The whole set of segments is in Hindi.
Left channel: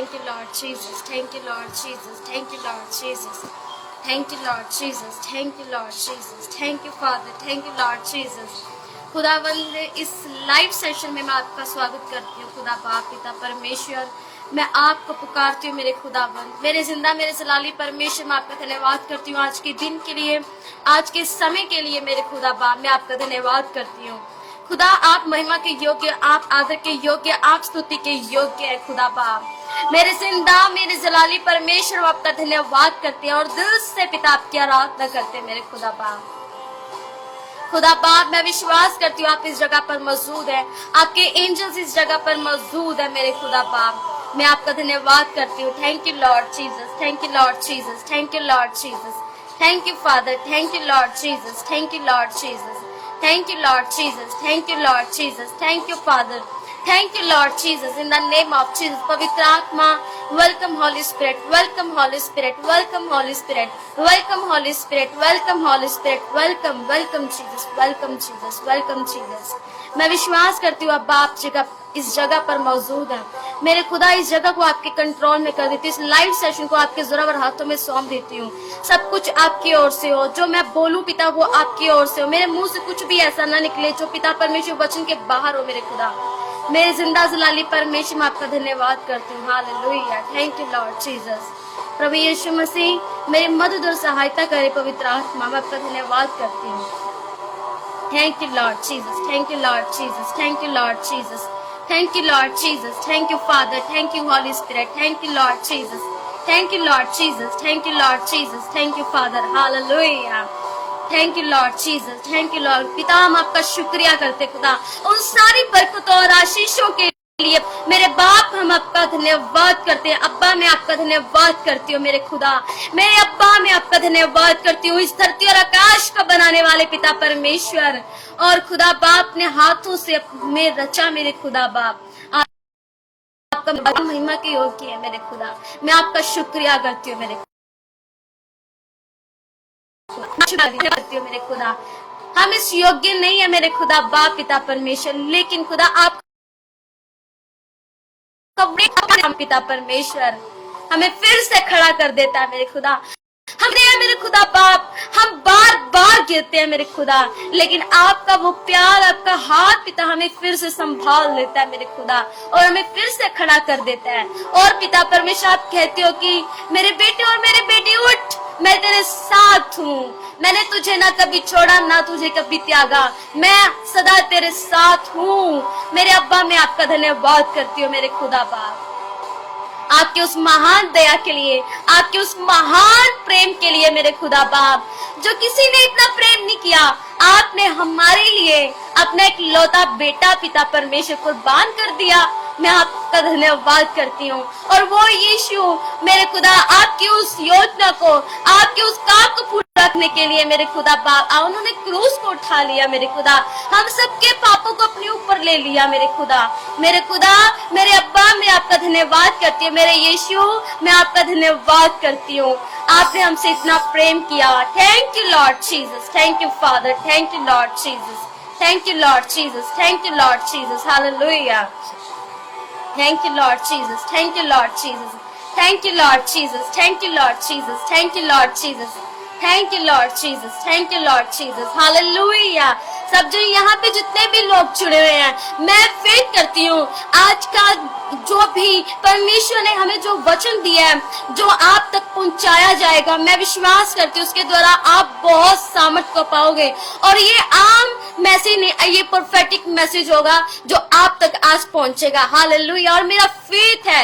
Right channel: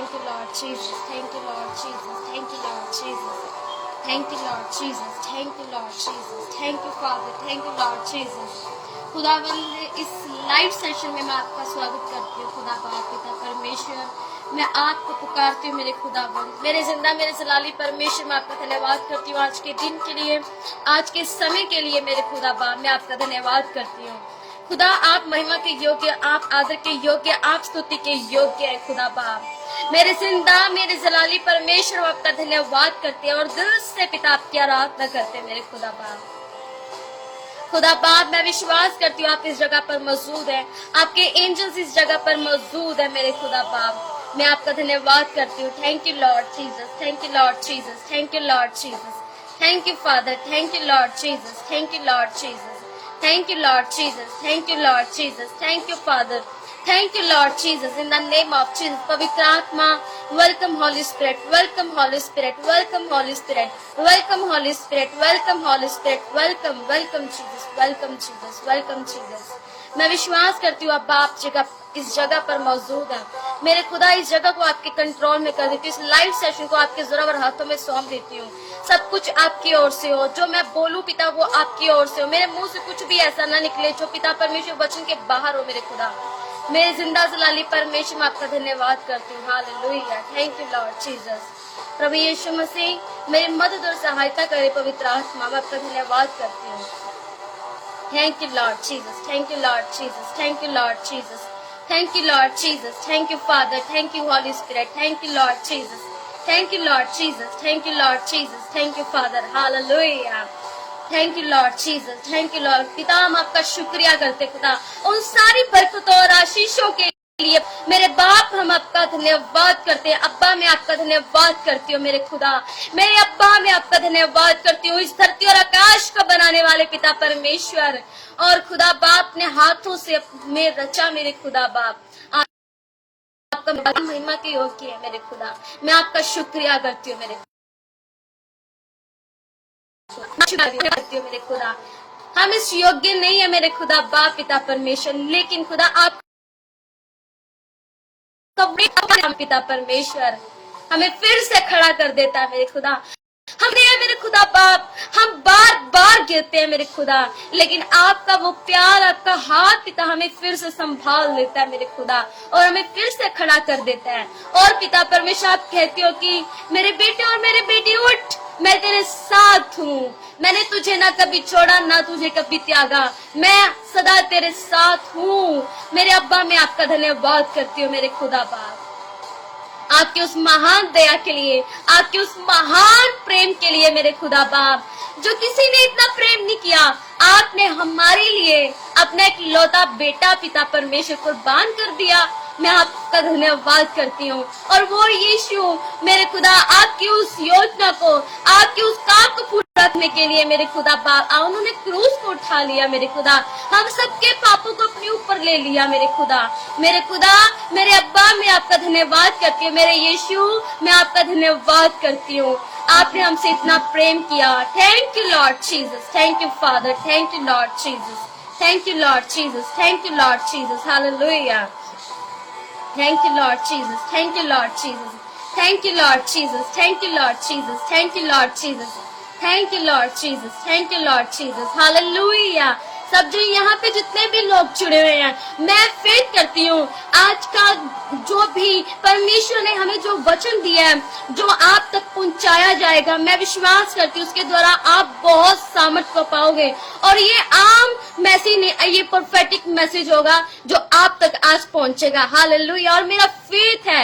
Thank you, Lord Jesus. Thank you, Lord Jesus. Thank you, Lord Jesus. Thank you, Lord Jesus. Thank you, Lord Jesus. Thank you, Father. Thank you, Lord Jesus. खुदावंद, इस लाइव सेशन में मैं आपका स्वागत करती हूँ। खुदा बाप पिता परमेश्वर, मैं आपको पुकारती हूँ मेरे खुदावंद, मेरे जिंदा मेरे जलाली परमेश्वर, मैं आपका धन्यवाद करती हूँ आज के दिन के लिए, आज के समय के लिए। मेरे खुदा बाप, मैं आपका धन्यवाद करती हूँ। खुदा, आप महिमा के योग्य, आप आदर के योग्य, आप स्तुति के योग्य है। खुदा बाप, मेरे जिंदा मेरे जलाली परमेश्वर, आपका धन्यवाद करते हैं और दिल से पिता आपकी आराधना करते हैं। मेरे खुदा बाप, खुदा बाप, मैं विश्वास करती हूँ आप इस जगह पर मौजूद है, आपके एंजल्स इस जगह पर मौजूद है। मेरे खुदा बाप, मैं आपका धन्यवाद करती हूँ। Thank you Lord Jesus, thank you Lord Jesus, thank you Lord Jesus, thank you Father, thank you Lord Jesus, thank you Lord Jesus, thank you Lord Jesus, thank you Lord Jesus, thank you Father, thank you Lord Jesus, in the name of Jesus. पवित्र आत्मा, welcome Holy Spirit, welcome Holy Spirit, welcome Holy Spirit, welcome Holy Spirit, welcome Holy Spirit, welcome welcome Jesus, welcome Jesus, welcome Jesus. मैं विश्वास करती हूँ अब आप इस जगह पर मौजूद है। मेरे खुदा, इस जगह को आपके कंट्रोल में कर देती हूँ, इस लाइव सेशन को आपके जोरावर हाथों में सौंप देती हूँ। सब कुछ आपकी ओर से हो, जो मैं बोलूं पिता वो आपकी ओर से हो। मेरे मुंह से कुछ भी ऐसा ना निकले जो पिता परमेश्वर वचन के बाहर हो। मेरे खुदा, मेरे जिंदा जलाली परमेश्वर, मैं आपका धन्यवाद करती हूँ। Hallelujah, thank you Lord Jesus. प्रभु यीशु मसीह, मेरी मदद और सहायता करे पवित्र आत्मा, मैं आपका धन्यवाद करती हूँ। Thank you Lord Jesus, thank you Lord Jesus, thank you Lord Jesus, thank you Lord Jesus, thank you Father, thank you Holy Spirit, thank you Lord Jesus, thank you Lord Jesus, thank you Lord Jesus, thank you Father. Hallelujah, thank you Lord Jesus, thank you Lord. पिता, हम आपका शुक्रिया करते खुदा उन सारी बरकतों और आशीषों के लिए। मेरे बाप, हम आपका धन्यवाद करते हैं। अब्बा, मैं आपका धन्यवाद करती हूँ। मेरे खुदा, मेरे अब्बा, मैं आपका धन्यवाद करती हूँ। इस धरती और आकाश का बनाने वाले पिता परमेश्वर, और खुदा बाप ने हाथों से में रचा। मेरे खुदा बाप, आपका महिमा के योग्य है। मेरे खुदा, मैं आपका शुक्रिया करती हूँ। मेरे करती हूँ। मेरे खुदा, हम इस योग्य नहीं है मेरे खुदा बाप पिता परमेश्वर, लेकिन खुदा आप पिता परमेश्वर हमें फिर से खड़ा कर देता है। मेरे खुदा, मेरे खुदा बाप, हम बार बार गिरते हैं मेरे खुदा, लेकिन आपका वो प्यार, आपका हाथ पिता हमें फिर से संभाल लेता है। मेरे खुदा, और हमें फिर से खड़ा कर देता है। और पिता परमेश्वर, आप कहते हो कि मेरे बेटे और मेरे बेटी उठ, मैं तेरे साथ हूँ। मैंने तुझे ना कभी छोड़ा, ना तुझे कभी त्यागा, मैं सदा तेरे साथ हूँ। मेरे अब्बा, मैं आपका धन्यवाद करती हूँ। मेरे खुदा बाप, आपके उस महान दया के लिए, आपके उस महान प्रेम के लिए। मेरे खुदा बाप, जो किसी ने इतना प्रेम नहीं किया, आपने हमारे लिए अपना एक लौता बेटा पिता परमेश्वर कुर्बान कर दिया। मैं आपका धन्यवाद करती हूँ। और वो यीशु, मेरे खुदा, आपकी उस योजना को, आपके उस काम को पूरा करने के लिए मेरे खुदा बाप, उन्होंने क्रूस को उठा लिया। मेरे खुदा, हम सबके पापों को अपने ऊपर ले लिया। मेरे खुदा, मेरे खुदा, मेरे अब्बा, मैं आपका धन्यवाद करती हूँ। मेरे यीशु, मैं आपका धन्यवाद करती हूँ। आपने हमसे इतना प्रेम किया। Thank you Lord Jesus, thank you Father, thank you Lord Jesus, thank you Lord Jesus, thank you Lord Jesus. Hallelujah, thank you Lord Jesus, thank you Lord Jesus, thank you Lord Jesus, thank you Lord Jesus, thank you Lord Jesus, thank you Lord Jesus, thank you Lord Jesus। Hallelujah. सब जो यहाँ पे जितने भी लोग जुड़े हुए हैं, मैं फेथ करती हूँ आज का जो भी परमेश्वर ने हमें जो वचन दिया है, जो आप तक पहुँचाया जाएगा, मैं विश्वास करती हूँ उसके द्वारा आप बहुत सामर्थ को पाओगे। और ये आम मैसेज नहीं, ये प्रोफेटिक मैसेज होगा जो आप तक आज पहुँचेगा। हालेलुया। और मेरा फेथ है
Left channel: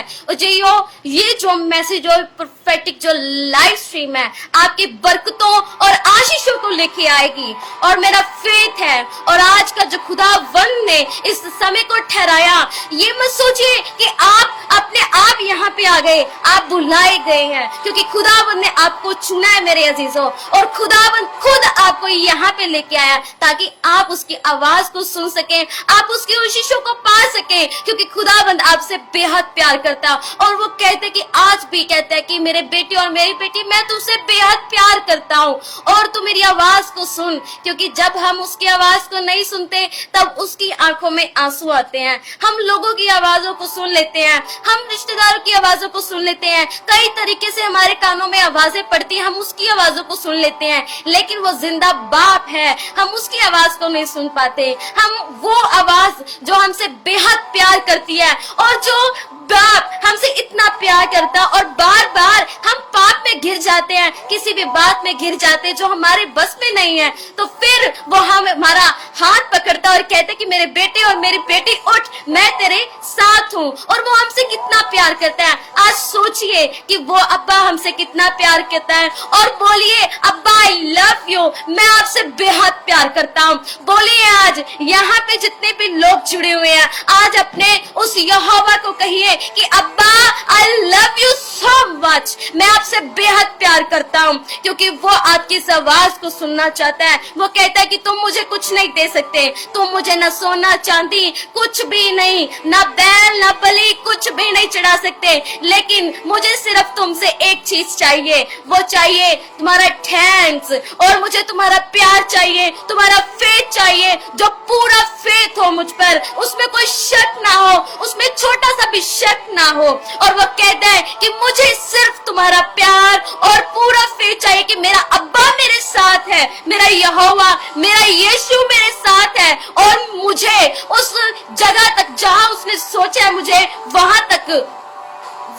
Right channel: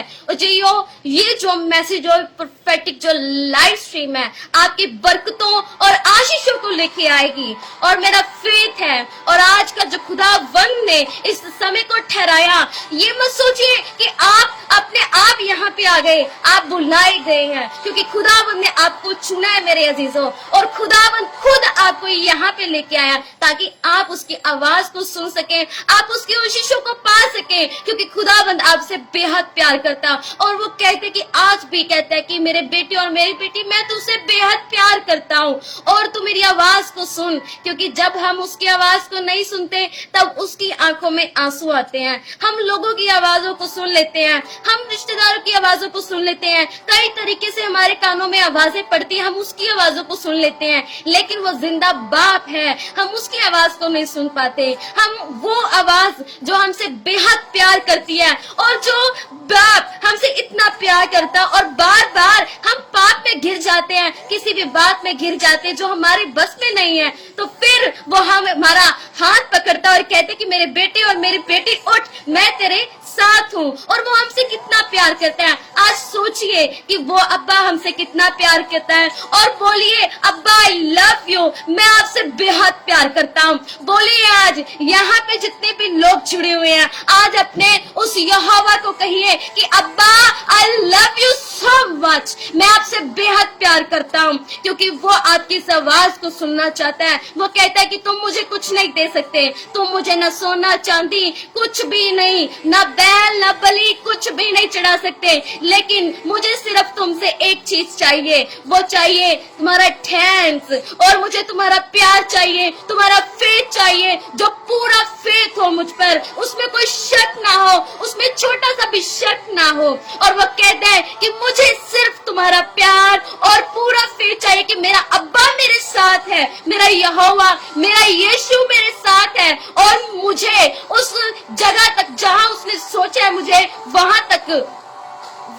ये जो मैसेज और प्रोफेटिक जो लाइव स्ट्रीम है, आपकी बरकतों और आशीषों को लेके आएगी। और मेरा फेथ है, और आज का जो खुदावंद ने इस समय को ठहराया, ये मत सोचिए कि आप अपने आप यहाँ पे आ गए, आप बुलाए गए हैं, क्योंकि खुदावंद ने आपको चुना है मेरे अजीजों। और खुदावंद खुद आपको यहाँ पे लेके आया ताकि आप उसकी आवाज को सुन सकें, आप उसकी आशीषों को पा सकें, क्योंकि खुदावंद आपसे बेहद प्यार करता। और वो कहते कि आज भी कहता है कि मेरे बेटे और मेरी बेटी, मैं तुझसे बेहद प्यार करता हूँ और तू मेरी आवाज को सुन। क्योंकि जब हम उसकी आवाज को नहीं सुनते, तब उसकी आंखों में आंसू आते हैं। हम लोगों की आवाजों को सुन लेते हैं, हम रिश्तेदारों की आवाजों को सुन लेते हैं, कई तरीके से हमारे कानों में आवाजें पड़ती हैं, हम उसकी आवाजों को सुन लेते हैं, लेकिन वो जिंदा बाप है, हम उसकी आवाज को नहीं सुन पाते। हम वो आवाज जो हमसे बेहद प्यार करती है, और जो बाप हमसे इतना प्यार करता है, और बार बार हम पाप में घिर जाते हैं, किसी भी बात में घिर जाते हैं जो हमारे बस में नहीं है, तो फिर वो हमारा हाथ पकड़ता और कहते कि मेरे बेटे और मेरी बेटी उठ, मैं तेरे साथ हूँ। और वो हमसे कितना प्यार करता है। आज सोचिए कि वो अब्बा हमसे कितना प्यार करता है, और बोलिए अब्बा आई लव यू, मैं आपसे बेहद प्यार करता हूँ। बोलिए आज यहाँ पे जितने भी लोग जुड़े हुए हैं, आज अपने उस यहोवा को कहिए कि अब्बा I love you so much, मैं आपसे बेहद प्यार करता हूँ, क्योंकि वो आपकी इस आवाज को सुनना चाहता है। वो कहता है कि तुम मुझे कुछ नहीं दे सकते, तुम मुझे न सोना चांदी कुछ भी नहीं, न बैल न बलि कुछ भी नहीं चढ़ा सकते, लेकिन मुझे सिर्फ तुमसे एक चीज चाहिए, वो चाहिए तुम्हारा थैंक्स, और मुझे तुम्हारा प्यार चाहिए, तुम्हारा फेथ चाहिए, जो पूरा फेथ हो मुझ पर, उसमें कोई शक ना हो, उसमें छोटा सा भी शक ना हो। और वो कहता है कि मुझे सिर्फ तुम्हारा प्यार और पूरा फेथ चाहिए कि मेरा अब्बा मेरे साथ है, मेरा यहोवा मेरा यीशु मेरे साथ है, और मुझे उस जगह तक जहां उसने सोचा है मुझे वहां तक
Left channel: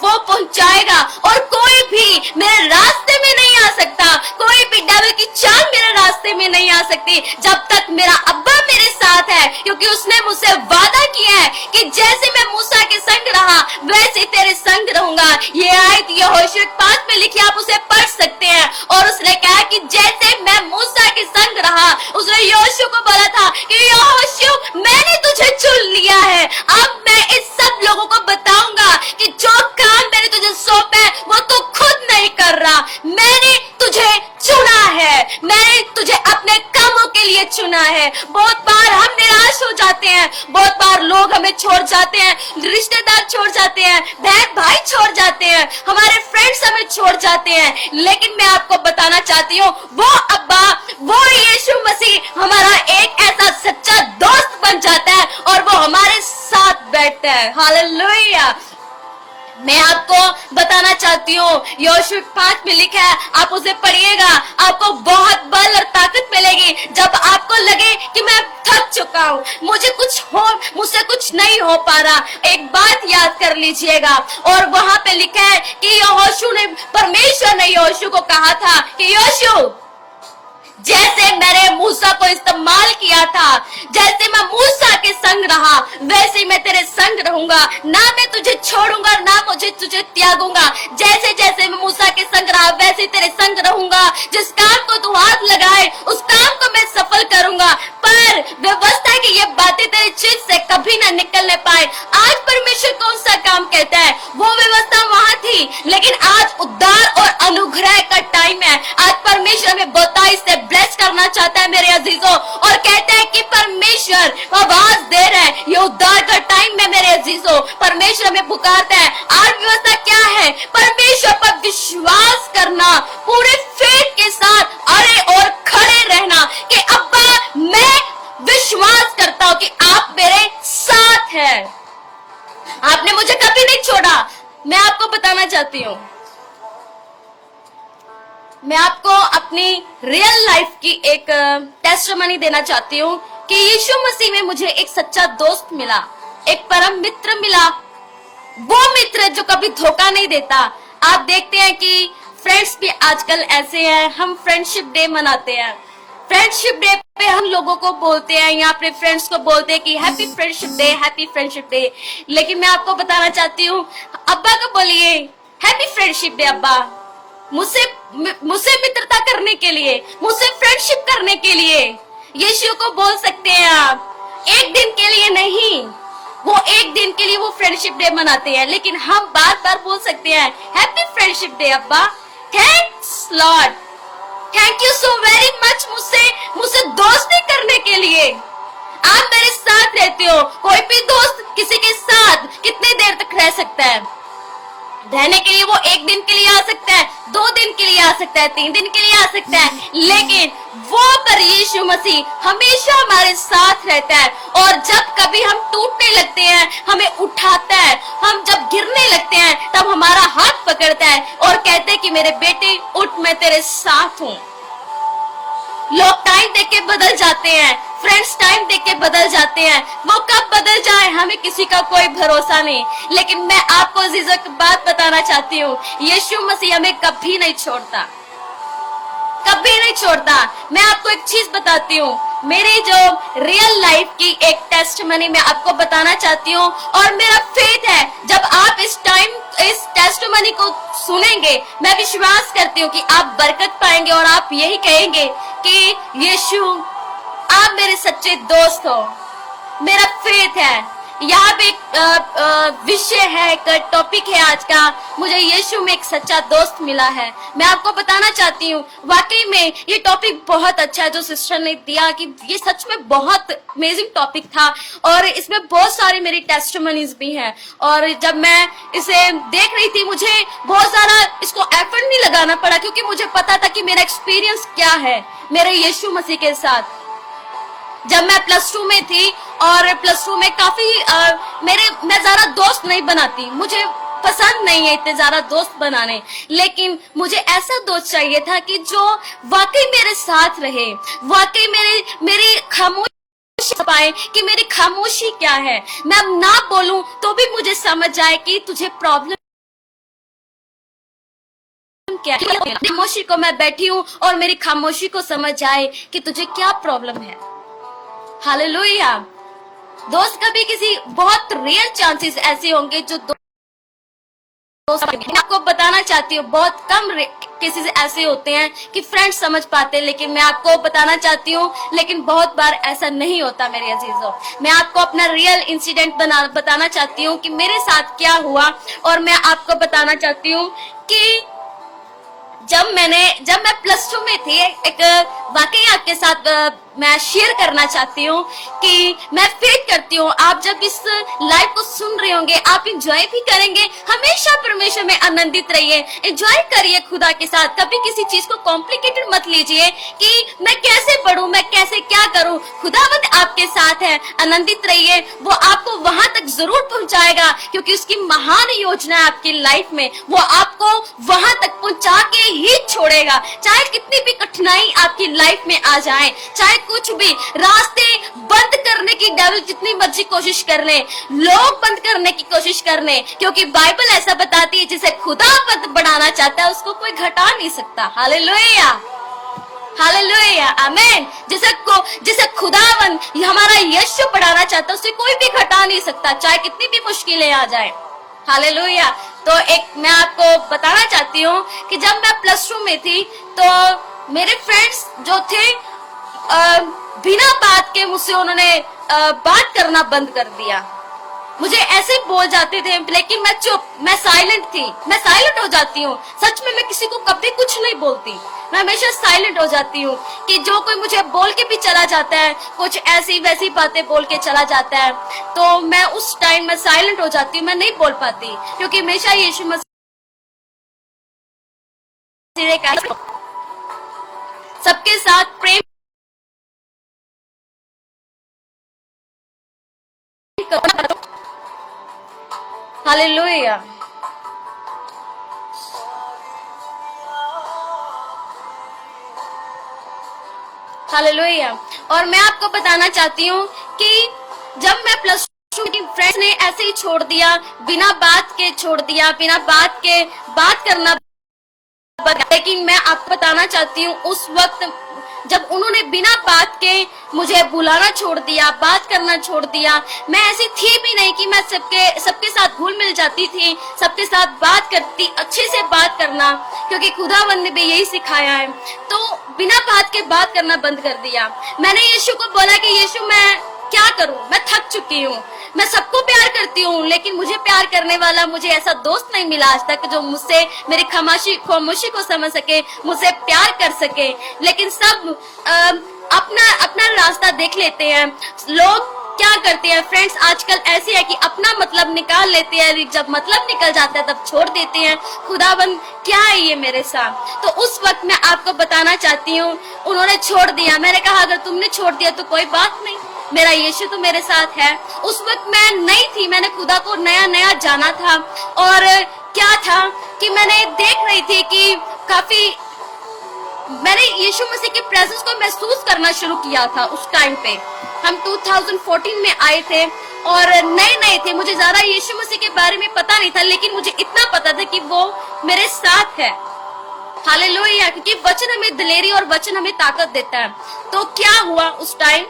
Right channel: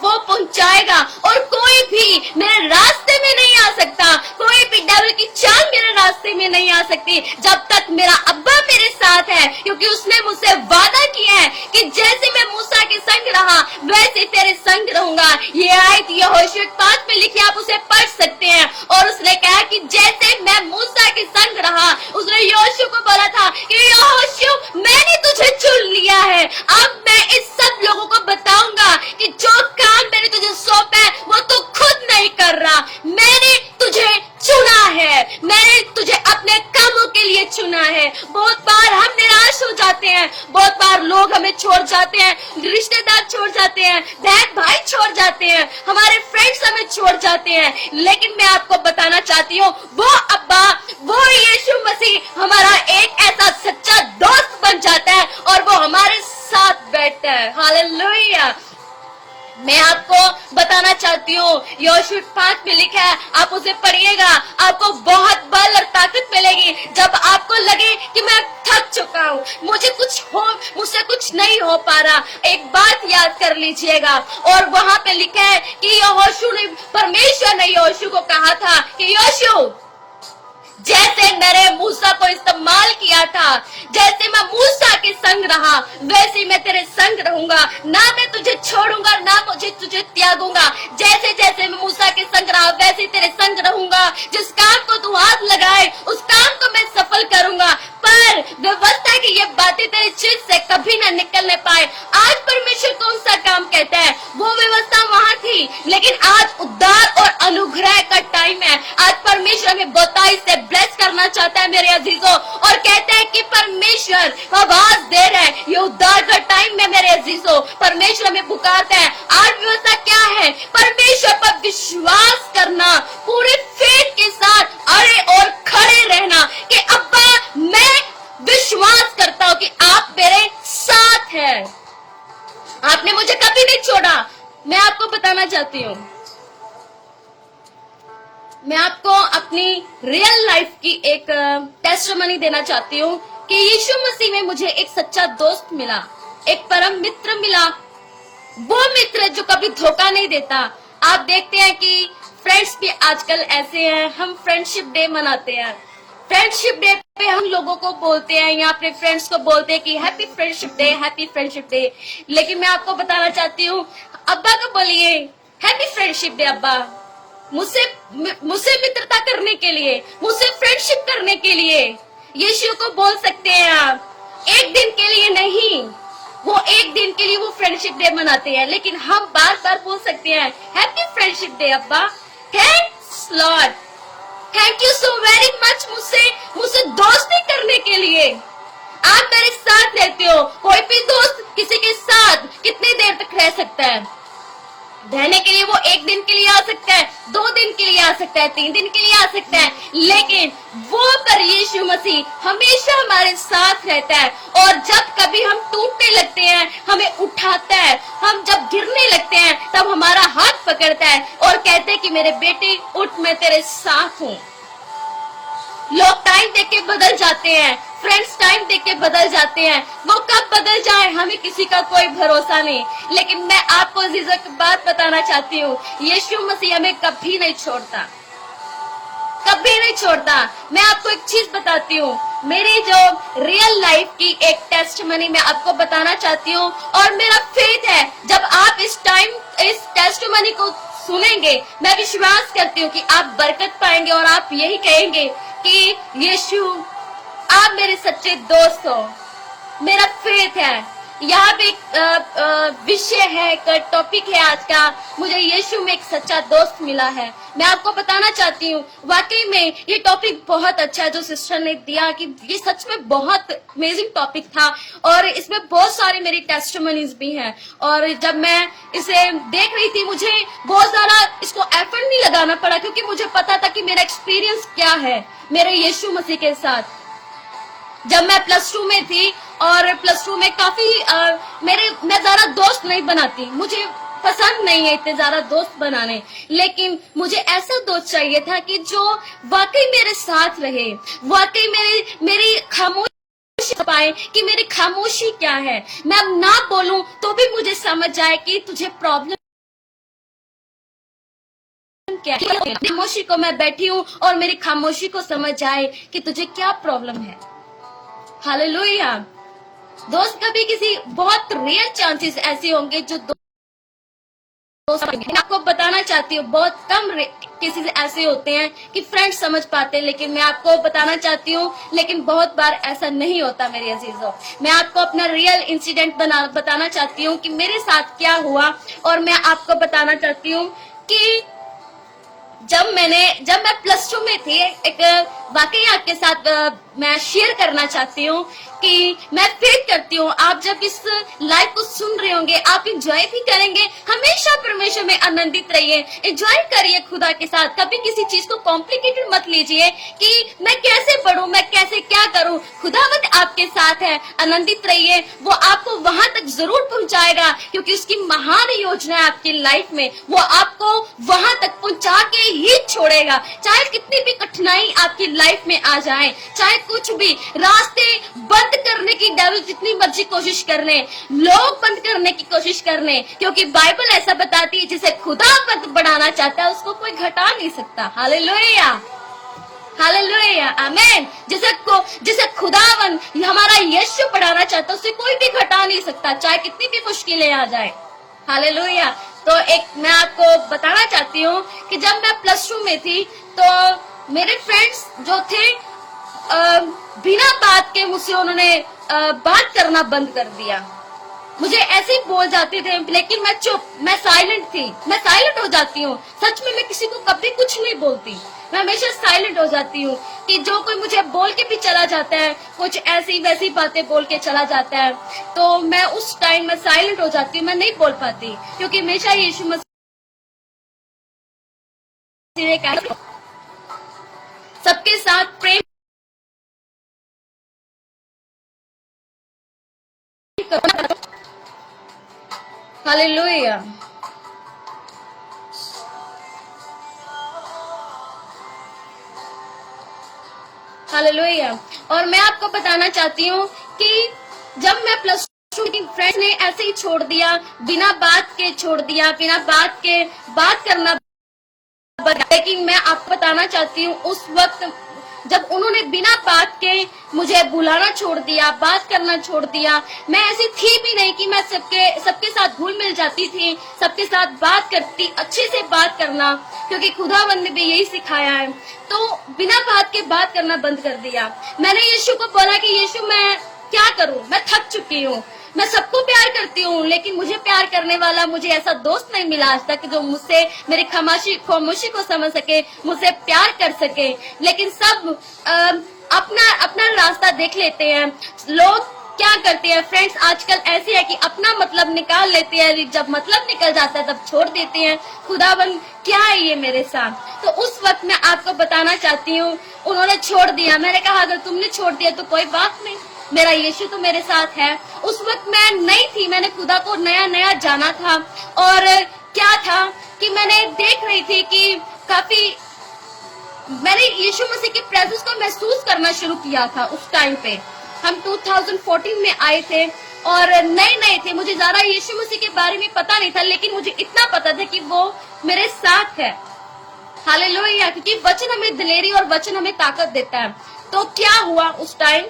वो पहुंचाएगा, और कोई भी मेरे रास्ते में नहीं आ सकता, कोई भी डेविल की चाल मेरे रास्ते में नहीं आ सकती जब तक मेरा अब्बा मेरे साथ है, क्योंकि उसने मुझसे वादा किया है कि जैसे मैं मूसा के संग रहा वैसे तेरे संग रहूंगा। ये आयत यहोशू 5 में लिखी, आप उसे पढ़ सकते हैं। और उसने कहा कि जैसे मैं मूसा के संग रहा, उसने यहोशू को बोला था कि यहोशू मैंने तुझे चुन लिया है, अब मैं इस सब लोगों को बताऊंगा कि जो काम मैंने तुझे सौंपा है वो तू खुद नहीं कर रहा, मैंने तुझे चुना है, मैंने तुझे अपने कामों के लिए चुना है। बहुत बार हम निराश हो जाते हैं, बहुत बार लोग हमें छोड़ जाते हैं, रिश्तेदार छोड़ जाते हैं, बहन भाई छोड़ जाते हैं, हमारे फ्रेंड्स हमें छोड़ जाते हैं, लेकिन मैं आपको बताना चाहती हूँ वो अब्बा, वो यीशु मसीह हमारा एक ऐसा सच्चा दोस्त बन जाता है, और वो हमारे साथ बैठता है। हालेलुया। मैं आपको बताना चाहती हूँ, यहोशू 5 में लिखा है, आप उसे पढ़िएगा, आपको बहुत बल और ताकत मिलेगी जब आपको लगे कि मैं थक चुका हूँ, मुझसे कुछ नहीं हो पा रहा। एक बात याद कर लीजिएगा, और वहाँ पे लिखा है कि यहोशू ने, परमेश्वर ने यहोशू को कहा था कि यहोशू जैसे मैंने मूसा को इस्तेमाल किया था, जैसे मैं मूसा के संग रहा वैसे मैं तेरे संग रहूंगा, ना मैं तुझे छोड़ूंगा ना मुझे तुझे त्यागूंगा। जैसे जैसे मैं मूसा के संग रहा वैसे तेरे संग रहूंगा, जिस काम को तू हाथ लगाए उस काम को मैं सफल करूंगा। पर व्यवस्था की ये बातें तेरी चीज से कभी ना निकलने पाए। आज परमेश्वर कौन सा काम कहता है, वो व्यवस्था वहाँ थी, लेकिन आज उद्धार और अनुग्रह का टाइम है। आज परमेश्वर हमें बहुताई से ब्लेस करना चाहता है मेरे अजीजों, और कहते हैं कि परमेश्वर आवाज दे रहे हैं, ये उद्धार का टाइम है मेरे अजीजों। परमेश्वर हमें पुकारता है। आज व्यवस्था क्या है, परमेश्वर पर विश्वास करना, पूरे फेथ के साथ अड़े और खड़े रहना कि अब्बा मैं विश्वास करता हूँ कि आप मेरे साथ हैं, आपने मुझे कभी नहीं छोड़ा। मैं आपको बताना चाहती हूँ, मैं आपको अपनी रियल लाइफ की एक टेस्टिमनी देना चाहती हूँ कि यीशु मसीह में मुझे एक सच्चा दोस्त मिला, एक परम मित्र मिला, वो मित्र जो कभी धोखा नहीं देता। आप देखते हैं कि फ्रेंड्स भी आजकल ऐसे हैं, हम फ्रेंडशिप डे मनाते हैं, फ्रेंडशिप डे पे हम लोगों को बोलते हैं या अपने फ्रेंड्स को बोलते हैं कि happy friendship day, happy friendship day. लेकिन मैं आपको बताना चाहती हूँ, अब्बा को बोलिए हैप्पी फ्रेंडशिप डे अब्बा, मुझसे मित्रता करने के लिए, मुझसे फ्रेंडशिप करने के लिए। यीशु को बोल सकते हैं आप, एक दिन के लिए नहीं, वो एक दिन के लिए वो फ्रेंडशिप डे मनाते हैं, लेकिन हम बार बार बोल सकते हैं हैप्पी फ्रेंडशिप डे अब्बा, thanks Lord, thank you so very much मुझसे दोस्ती करने के लिए। आप मेरे साथ रहते हो, कोई भी दोस्त किसी के साथ कितनी देर तक रह सकता है, रहने के लिए वो 1 दिन के लिए आ सकता है, 2 दिन के लिए आ सकता है, 3 दिन के लिए आ सकता है, लेकिन वो पर यीशु मसीह हमेशा हमारे साथ रहता है। और जब कभी हम टूटने लगते हैं, हमें उठाता है, हम जब गिरने लगते हैं तब हमारा हाथ पकड़ता है और कहते हैं कि मेरे बेटे उठ, मैं तेरे साथ हूँ। लोग टाइम देख के बदल जाते हैं, फ्रेंड्स टाइम देख के बदल जाते हैं, वो कब बदल जाए हमें किसी का कोई भरोसा नहीं। लेकिन मैं आपको अजीजों की बात बताना चाहती हूँ, यीशु मसीह हमें कभी नहीं छोड़ता, कभी नहीं छोड़ता। मैं आपको एक चीज बताती हूँ, मेरी जो रियल लाइफ की एक टेस्टमनी मैं आपको बताना चाहती हूँ, और मेरा फेथ है जब आप इस टेस्टमनी को सुनेंगे, मैं विश्वास करती हूँ कि आप बरकत पाएंगे और आप यही कहेंगे कि यीशु आप मेरे सच्चे दोस्त हो। मेरा फेथ है। यहाँ पे एक विषय है, एक टॉपिक है आज का, मुझे यीशु में एक सच्चा दोस्त मिला है। मैं आपको बताना चाहती हूँ, वाकई में ये टॉपिक बहुत अच्छा है जो सिस्टर ने दिया, कि ये सच में बहुत अमेजिंग टॉपिक था और इसमें बहुत सारी मेरी टेस्टिमनीज भी हैं। और जब मैं इसे देख रही थी, मुझे बहुत सारा इसको एफर्ट नहीं लगाना पड़ा, क्योंकि मुझे पता था कि मेरा एक्सपीरियंस क्या है मेरे यीशु मसीह के साथ। जब मैं +2 में थी और +2 में काफी मैं ज्यादा दोस्त नहीं बनाती, मुझे पसंद नहीं है इतने ज्यादा दोस्त बनाने, लेकिन मुझे ऐसा दोस्त चाहिए था कि जो वाकई मेरे साथ रहे, वाकई मेरी खामोशी पाए कि मेरी खामोशी क्या है, मैं ना बोलूं तो भी मुझे समझ आए कि तुझे प्रॉब्लम क्या है। खामोशी को मैं बैठी हूँ और मेरी खामोशी को समझ आए कि तुझे क्या प्रॉब्लम है। हालेलुया। दोस्त कभी किसी बहुत रेयर चांसेस ऐसे होंगे जो मैं आपको बताना चाहती हूँ, बहुत कम केसेस ऐसे होते हैं कि फ्रेंड्स समझ पाते हैं, लेकिन मैं आपको बताना चाहती हूँ, लेकिन बहुत बार ऐसा नहीं होता मेरे अजीजों। मैं आपको अपना रियल इंसिडेंट बताना चाहती हूँ कि मेरे साथ क्या हुआ, और मैं आपको बताना चाहती हूँ कि जब मैं +2 में थी, एक वाकई आपके साथ मैं शेयर करना चाहती हूँ कि मैं फेथ करती हूँ आप जब इस लाइव को सुन रहे होंगे, आप इंजॉय भी करेंगे। हमेशा परमेश्वर में आनंदित रहिए, एंजॉय करिए खुदा के साथ। कभी किसी चीज को कॉम्प्लिकेटेड मत लीजिए कि मैं कैसे पढ़ूं, मैं कैसे क्या करूं। खुदावंद आपके साथ है, आनंदित रहिए, वो आपको वहां तक जरूर पहुंचाएगा, क्योंकि उसकी महान योजना है आपकी लाइफ में। वो आपको वहां तक पहुंचा के ही छोड़ेगा, चाहे कितनी भी कठिनाई आपकी लाइफ में आ जाए, चाहे कुछ भी रास्ते बंद करने की डेविल जितनी मर्जी कोशिश कर ले, लोग बंद करने की कोशिश कर ले, क्योंकि बाइबल ऐसा बताती है जिसे खुदावंद बढ़ाना चाहता है उसको कोई घटा नहीं सकता। हालेलुया, हालेलुया, आमीन। जिसे खुदावंद हमारा यीशु बढ़ाना चाहता है उसे कोई भी घटा नहीं सकता, चाहे कितनी भी मुश्किलें आ जाए। हालेलुया। तो एक मैं आपको बताना चाहती हूँ कि जब मैं +2 में थी तो मेरे फ्रेंड्स जो थे बिना बात के मुझसे उन्होंने बात करना बंद कर दिया। मुझे ऐसे ही बोल जाते थे, लेकिन मैं चुप, मैं साइलेंट थी, मैं साइलेंट हो जाती हूँ। सच में मैं किसी को कभी कुछ नहीं बोलती, मैं हमेशा साइलेंट हो जाती हूँ कि जो कोई मुझे बोल के भी चला जाता है, कुछ ऐसी वैसी बातें बोल के चला जाता है, तो मैं उस टाइम में साइलेंट हो जाती हूँ, मैं नहीं बोल पाती, क्योंकि हमेशा यीशु मसीह सबके साथ प्रेम करो। हालेलुया। हालेलुया। और मैं आपको बताना चाहती हूँ कि जब मैं +2 की फ्रेंड्स ने ऐसे ही छोड़ दिया, बिना बात के छोड़ दिया, बिना बात के बात करना, लेकिन मैं आपको बताना चाहती हूँ उस वक्त जब उन्होंने बिना बात के मुझे बुलाना छोड़ दिया, बात करना छोड़ दिया, मैं ऐसी थी भी नहीं कि मैं सबके साथ घुल मिल जाती थी, सबके साथ बात करती, अच्छे से बात करना, क्योंकि खुदावंद ने भी यही सिखाया है। तो बिना बात के बात करना बंद कर दिया। मैंने यीशु को बोला कि यीशु मैं क्या करूं, मैं थक चुकी हूँ, मैं सबको प्यार करती हूँ, लेकिन मुझे प्यार करने वाला मुझे ऐसा दोस्त नहीं मिला आज तक जो मुझसे मेरी खामोशी को समझ सके, मुझसे प्यार कर सके। लेकिन सब अपना रास्ता देख लेते हैं। लोग क्या करते हैं फ्रेंड्स, आजकल ऐसे है कि अपना मतलब निकाल लेते हैं, जब मतलब निकल जाता है तब छोड़ देते हैं। खुदाबंद क्या है ये मेरे साथ। तो उस वक्त मैं आपको बताना चाहती हूँ, उन्होंने छोड़ दिया। मैंने कहा अगर तुमने छोड़ दिया तो कोई बात नहीं, मेरा यीशु तो मेरे साथ है। उस वक्त मैं नई थी, मैंने खुदा को नया नया जाना था। और क्या था कि मैंने देख रही थी कि काफी मैंने यीशु मसीह के प्रेजेंस को महसूस करना शुरू किया था। उस टाइम पे हम 2014 में आए थे और नए नए थे, मुझे ज्यादा यीशु मसीह के बारे में पता नहीं था, लेकिन मुझे इतना पता था कि वो मेरे साथ है। हालेलुया, क्योंकि वचन हमें दिलेरी और वचन हमें ताकत देता है। तो क्या हुआ उस टाइम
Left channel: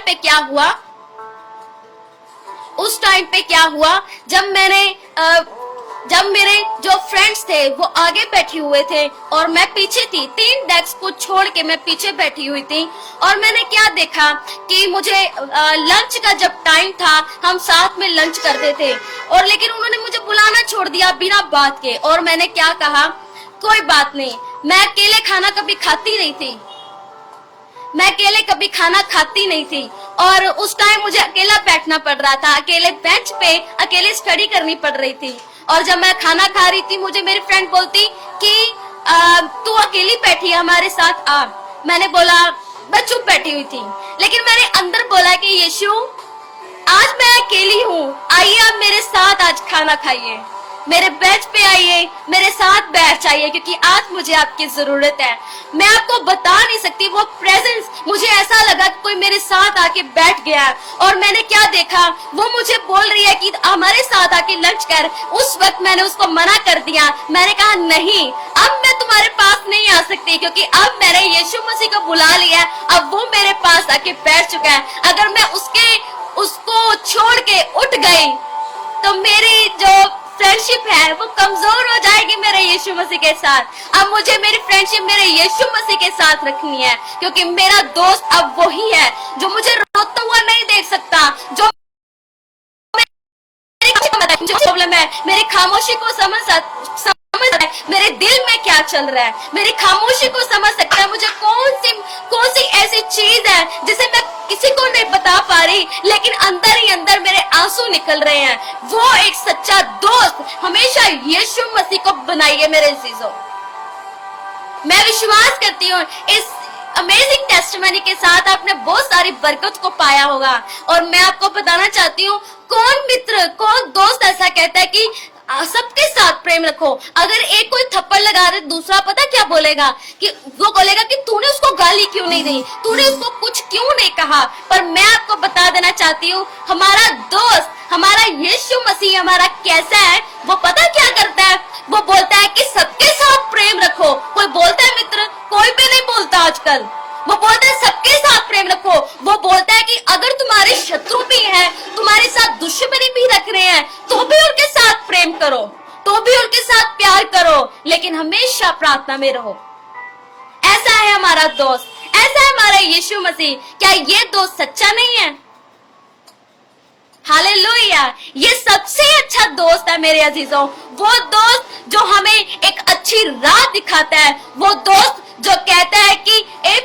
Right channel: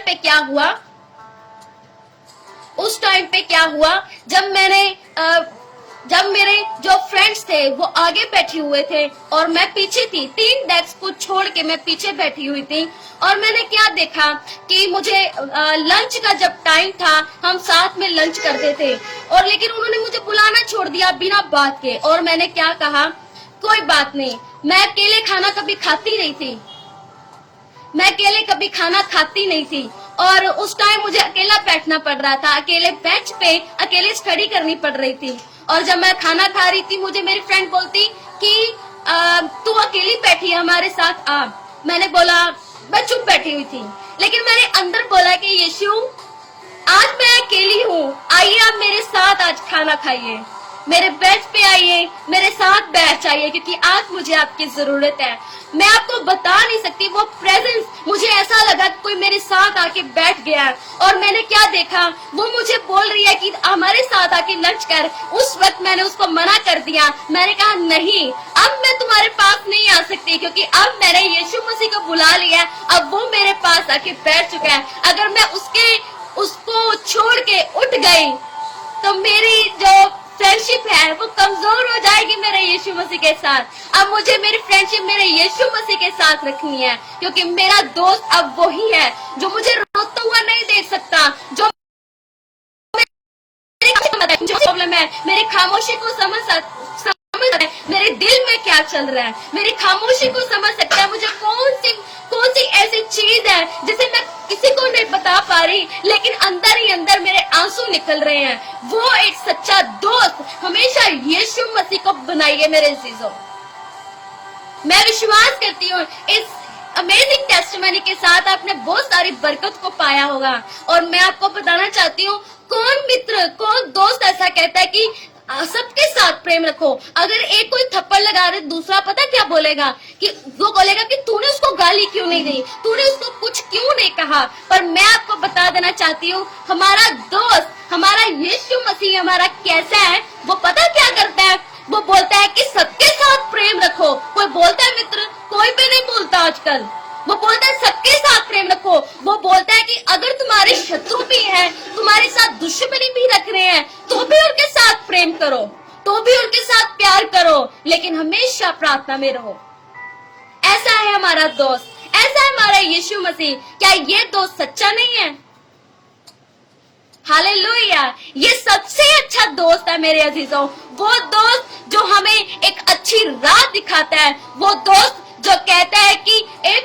पे क्या हुआ, उस टाइम पे क्या हुआ, जब मेरे जो फ्रेंड्स थे वो आगे बैठे हुए थे और मैं पीछे थी, 3 डेस्क को छोड़ के मैं पीछे बैठी हुई थी। और मैंने क्या देखा कि मुझे लंच का जब टाइम था, हम साथ में लंच करते थे, और लेकिन उन्होंने मुझे बुलाना छोड़ दिया बिना बात के। और मैंने क्या कहा, कोई बात नहीं, मैं अकेले खाना कभी खाती नहीं थी, मैं अकेले कभी खाना खाती नहीं थी। और उस टाइम मुझे अकेला बैठना पड़ रहा था, अकेले बेंच पे अकेले स्टडी करनी पड़ रही थी। और जब मैं खाना खा रही थी, मुझे मेरी फ्रेंड बोलती कि तू अकेली बैठी है, हमारे साथ आ। मैंने बोला, मैं चुप बैठी हुई थी, लेकिन मैंने अंदर बोला कि यीशु आज मैं अकेली हूँ, आइए आप मेरे साथ आज खाना खाइए, मेरे बेंच पे आइए, मेरे साथ बैठ जाइए, क्योंकि आज मुझे आपकी जरूरत है। मैं आपको बता नहीं सकती, वो प्रेजेंस, मुझे ऐसा लगा कि कोई मेरे साथ आके बैठ गया। और मैंने क्या देखा, वो मुझे बोल रही है कि हमारे साथ आके लंच कर। उस वक्त मैंने उसको मना कर दिया, मैंने कहा नहीं, अब मैं तुम्हारे पास नहीं आ सकती, क्योंकि अब मैंने यीशु मसीह को बुला लिया, अब वो मेरे पास आके बैठ चुका है। अगर मैं उसको छोड़ के उठ गई तो मेरी जो फ्रेंडशिप है वो कमजोर हो जाएगी मेरे यीशु मसीह के साथ। अब मुझे मेरी फ्रेंडशिप मेरे यीशु मसीह के साथ रखनी है, क्योंकि मेरा दोस्त अब वही है जो मुझे रोता हुआ नहीं देख सकता, जो प्रॉब्लम है, मेरी खामोशी को समझ सकता है, मेरे दिल में क्या चल रहा है, मेरी खामोशी को समझ सकता है, मुझे कौन सी ऐसी चीज है जिसे मैं किसी को नहीं बता पा रही, लेकिन अंदर ही अंदर मेरे आंसू निकल रहे हैं। वो एक सच्चा दोस्त हमेशा यीशु मसीह को बनाइए मेरे अजीजों। मैं विश्वास करती हूँ इस अमेजिंग टेस्टिमनी के साथ आपने बहुत सारी बरकत को पाया होगा। और मैं आपको बताना चाहती हूँ, कौन मित्र, कौन दोस्त ऐसा कहता है कि सबके साथ प्रेम रखो। अगर एक कोई थप्पड़ लगा रहे, दूसरा पता क्या बोलेगा, कि वो बोलेगा कि तूने उसको गाली क्यों नहीं दी, तूने उसको कुछ क्यों नहीं कहा। पर मैं आपको बता देना चाहती हूँ, हमारा दोस्त, हमारा यीशु मसीह हमारा कैसा है, वो पता क्या करता है, वो बोलता है कि सबके साथ प्रेम रखो। कोई बोलता है मित्र, कोई भी नहीं बोलता आजकल, वो बोलता है सबके साथ प्रेम रखो। वो बोलता है कि अगर तुम्हारे शत्रु भी हैं, तुम्हारे साथ दुश्मनी भी रख रहे हैं, तो भी उनके साथ प्रेम करो, तो भी उनके साथ प्यार करो, लेकिन हमेशा प्रार्थना में रहो। ऐसा है हमारा दोस्त, ऐसा है हमारा यीशु मसीह। क्या ये दोस्त सच्चा नहीं है? हालेलुया, ये सबसे अच्छा दोस्त है मेरे अजीजों। वो दोस्त जो हमें एक अच्छी राह दिखाता है, वो दोस्त जो कहता है कि ए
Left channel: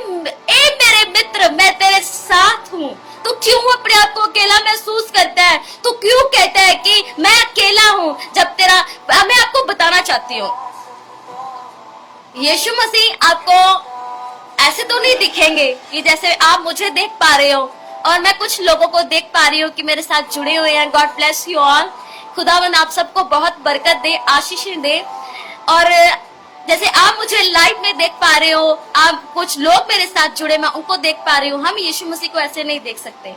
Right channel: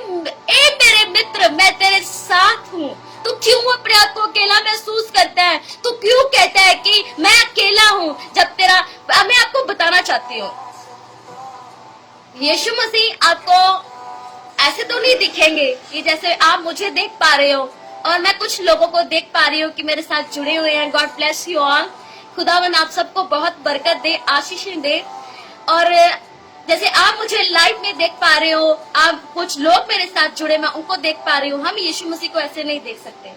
मेरे मित्र, मैं तेरे साथ हूँ। तू क्यों अपने आप को अकेला महसूस करता है? तू क्यों कहता है कि मैं अकेला हूँ, जब मैं आपको बताना चाहती हूँ, यीशु मसीह आपको ऐसे तो नहीं दिखेंगे कि जैसे आप मुझे देख पा रहे हो और मैं कुछ लोगों को देख पा रही हूँ कि मेरे साथ जुड़े हुए हैं। God bless you all. खुदावन आप सबको बहुत बरकत दे, आशीषें दे। और जैसे आप मुझे लाइव में देख पा रहे हो, आप कुछ लोग मेरे साथ जुड़े, मैं उनको देख पा रही हूँ। हम यीशु मसीह को ऐसे नहीं देख सकते,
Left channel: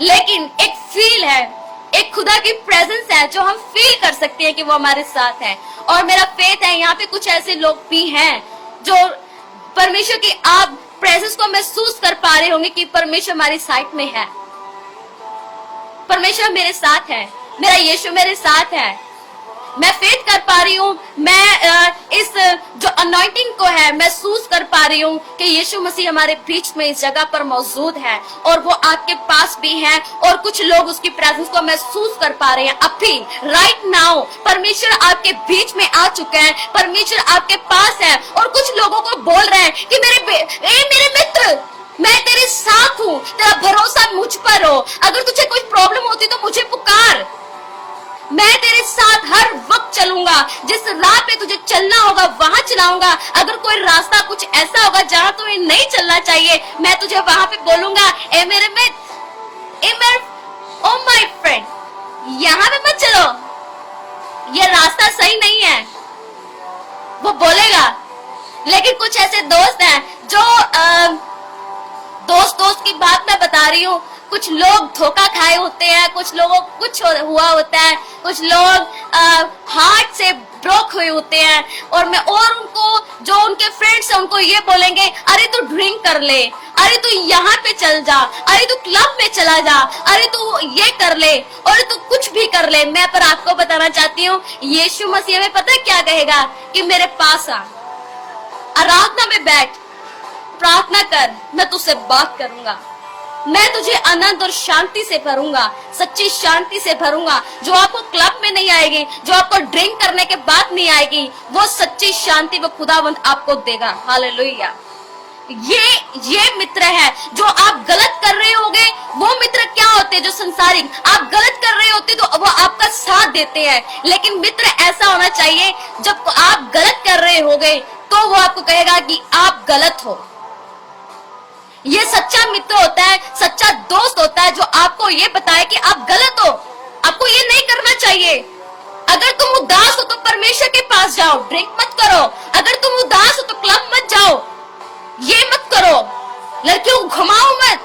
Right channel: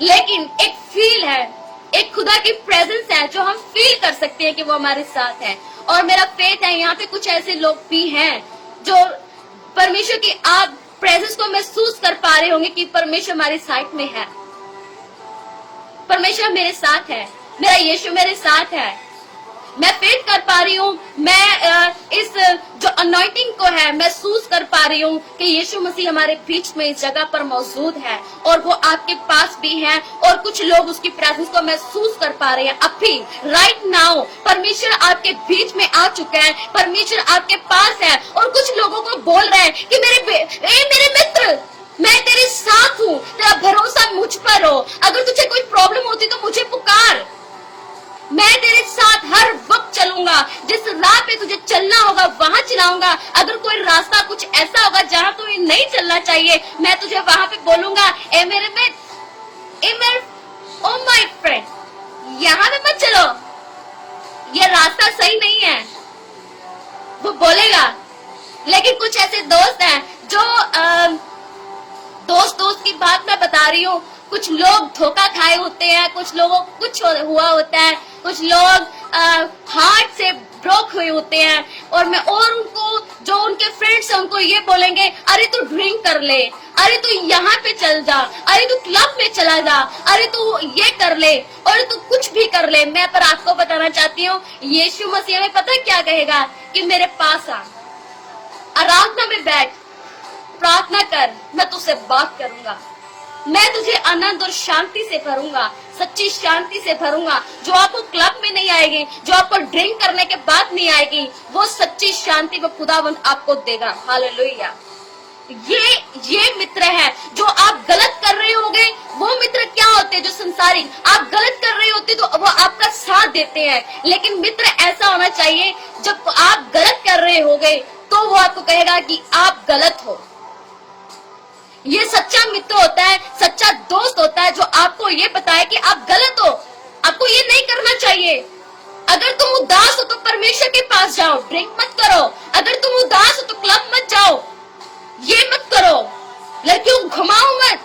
लेकिन एक फील है, एक खुदा की प्रेजेंस है जो हम फील कर सकते हैं कि वो हमारे साथ है। और मेरा फेथ है यहाँ पे कुछ ऐसे लोग भी हैं जो परमेश्वर की आप प्रेजेंस को महसूस कर पा रहे होंगे कि परमेश्वर हमारी साइड में है, परमेश्वर मेरे साथ है, मेरा यीशु मेरे साथ है। मैं फेथ कर पा रही हूँ, मैं इस जो अनॉइंटिंग को है महसूस कर पा रही हूँ कि यीशु मसीह हमारे बीच में इस जगह पर मौजूद है और वो आपके पास भी है। और कुछ लोग उसकी प्रेजेंस को महसूस कर पा रहे हैं अभी, राइट नाउ। परमेश्वर आपके बीच में आ चुका है, परमेश्वर आपके पास है और कुछ लोगों को बोल रहे हैं कि मेरे मित्र, मैं तेरे साथ हूँ, तेरा भरोसा मुझ पर हो। अगर तुझे कोई प्रॉब्लम होती तो मुझे पुकार, मैं तेरे साथ हर वक्त चलूंगा। जिस राह पे तुझे चलना होगा वहां चलाऊंगा। अगर कोई रास्ता कुछ ऐसा होगा जहां तुम्हें नहीं चलना चाहिए, मैं तुझे वहां पे बोलूंगा, ए मेरे ओ माय फ्रेंड, यहाँ पे मत चलो, ये रास्ता सही नहीं है, वो बोलेगा। लेकिन कुछ ऐसे दोस्त हैं जो दोस्त की बात मैं बता रही हूँ, कुछ लोग धोखा खाए होते हैं, कुछ लोगों को कुछ हुआ होता है, कुछ लोग हार्ट से ब्रोक हुए होते हैं, और उनको जो उनके फ्रेंड्स हैं उनको ये बोलेंगे, अरे तू ड्रिंक कर ले, अरे तू यहाँ पे चल जा, अरे तू क्लब में चला जा, अरे तू ये कर ले, और तू कुछ भी कर ले। मैं पर आपको बताना चाहती हूँ, यीशु मसीह में पता है क्या कहेगा कि मेरे पास आ, आराधना में बैठ, प्रार्थना कर, मैं तुझसे बात करूंगा, मैं तुझे आनंद और शांति से भरूंगा, सच्ची शांति से भरूंगा, जो आपको क्लब में नहीं आएगी, जो आपको ड्रिंक करने के बाद नहीं आएगी, वो सच्ची शांति वो खुदावंद आपको देगा। हालेलुया। ये मित्र है। जो आप गलत कर रहे होगे, वो मित्र क्या होते हैं? जो संसारिक, आप गलत कर रहे होते तो वो आपका साथ देते हैं, लेकिन मित्र ऐसा होना चाहिए, जब आप गलत कर रहे होगे तो वो आपको कहेगा कि आप गलत हो। ये सच्चा मित्र होता है, सच्चा दोस्त होता है, जो आपको ये बताए कि आप गलत हो, आपको ये नहीं करना चाहिए। अगर तुम उदास हो तो परमेश्वर के पास जाओ, ड्रिंक मत करो। अगर तुम उदास हो तो क्लब मत जाओ, ये मत करो, लड़कियों को घुमाओ मत,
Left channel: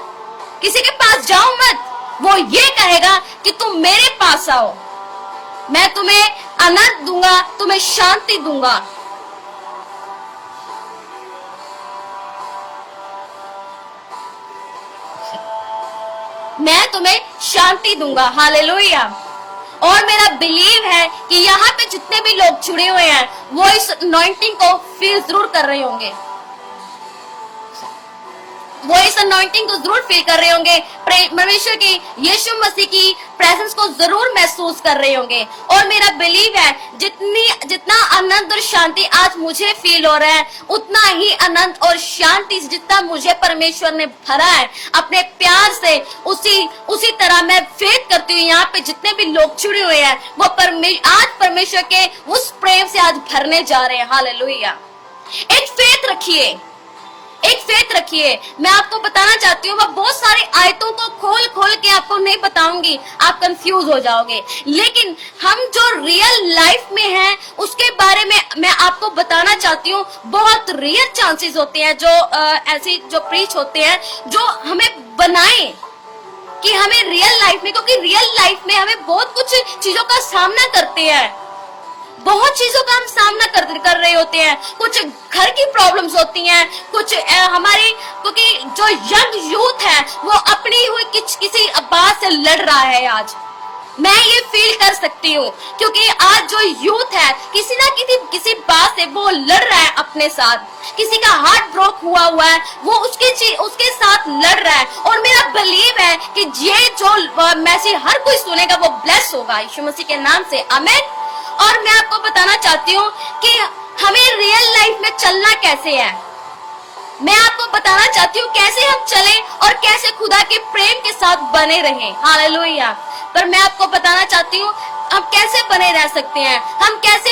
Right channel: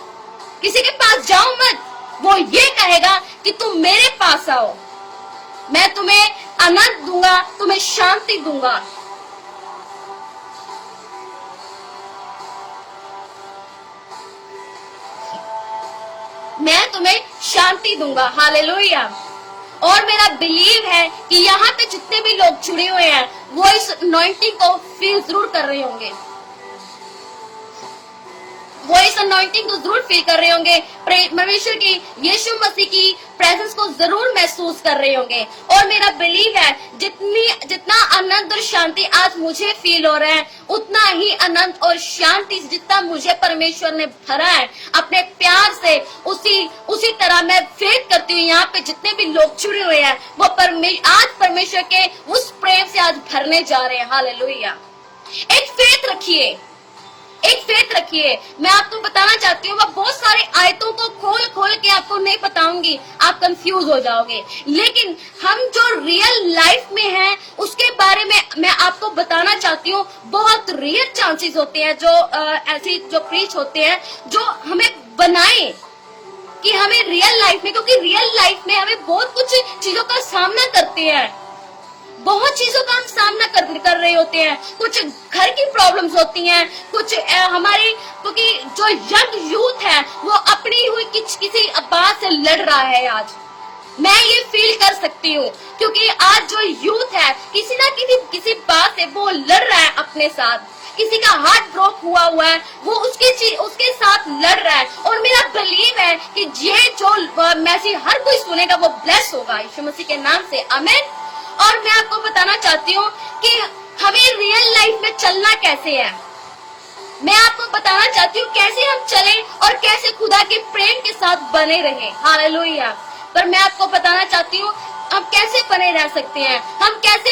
किसी के पास जाओ मत। वो ये कहेगा कि तुम मेरे पास आओ, मैं तुम्हें आनंद दूंगा, तुम्हें शांति दूंगा। मैं तुम्हें शांति दूंगा। हालेलुया। और मेरा बिलीव है कि यहाँ पे जितने भी लोग जुड़े हुए हैं वो इस अनॉइंटिंग को फील जरूर कर रहे होंगे, वो इस अनॉइंटिंग को जरूर फील कर रहे होंगे, परमेश्वर की, यीशु मसीह की प्रेजेंस को जरूर महसूस कर रहे होंगे। और मेरा बिलीव है जितना आनंद और शांति आज मुझे फील हो रहा है, उतना ही आनंद और शांति जितना मुझे परमेश्वर ने भरा है अपने प्यार से, उसी तरह मैं फेथ करती हूँ यहाँ पे जितने भी लोग जुड़े हुए हैं वो आज परमेश्वर के उस प्रेम से आज भरने जा रहे हैं। हालेलुया। एक फेथ रखिए, एक फेथ रखिए। मैं आपको बताना चाहती हूँ, मैं बहुत सारे आयतों को खोल के आपको नहीं बताऊंगी, आप कंफ्यूज हो जाओगे, लेकिन हम जो रियल लाइफ में हैं उसके बारे में मैं आपको बताना चाहती हूँ। बहुत रियल चांसेस होते हैं जो ऐसी जो प्रीच होते हैं जो हमें बनाए कि हमें रियल लाइफ में, क्योंकि रियल लाइफ में हमें बहुत कुछ चीजों का सामना करते हैं, बहुत चीजों का हम सामना कर रहे होते हैं। कुछ घर की प्रॉब्लम्स होती हैं, कुछ हमारी, क्योंकि जो यंग यूथ है वो अपनी हुई किसी बात से लड़ रहा है। आज मैं ये फील कर सकती हूँ, क्योंकि आज जो यूथ है किसी ना किसी बात से वो लड़ रहा है अपने साथ। किसी का हार्ट ब्रोक हुआ है, वो उसके साथ लड़ रहा है। और मेरा बिलीव है कि ये जो मैसेज हर कोई सुनेगा वो ब्लेस होगा यीशु मसीह के नाम से। आमीन। और मैं आपको बताना चाहती हूँ कि हमें रियल लाइफ में चलना कैसे है। मैं आपको बताना चाहती हूँ कैसे हम चलें और कैसे खुदा के प्रेम के साथ बने रहें। हालेलुया। पर मैं आपको बताना चाहती हूँ हम कैसे बने रह सकते हैं, हम कैसे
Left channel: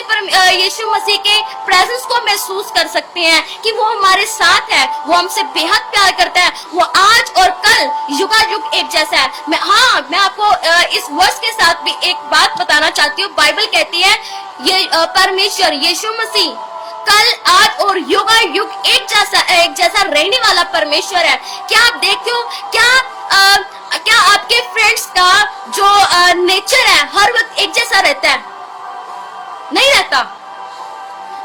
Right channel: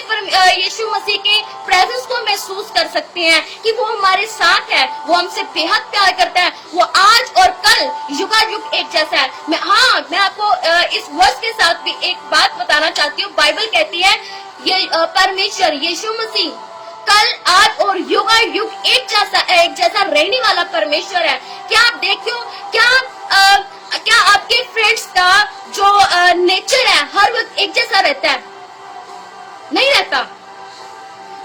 यीशु मसीह के प्रेजेंस को महसूस कर सकते हैं कि वो हमारे साथ है, वो हमसे बेहद प्यार करता है, वो आज और कल युगायुग एक जैसा है। मैं आपको इस वर्ष के साथ भी एक बात बताना चाहती हूँ। बाइबल कहती है ये परमेश्वर यीशु मसीह कल, आज और युगायुग एक जैसा रहने वाला परमेश्वर है। क्या आप देखते हो, क्या आपके फ्रेंड्स का जो नेचर है हर वक्त एक जैसा रहता है? नहीं रहता।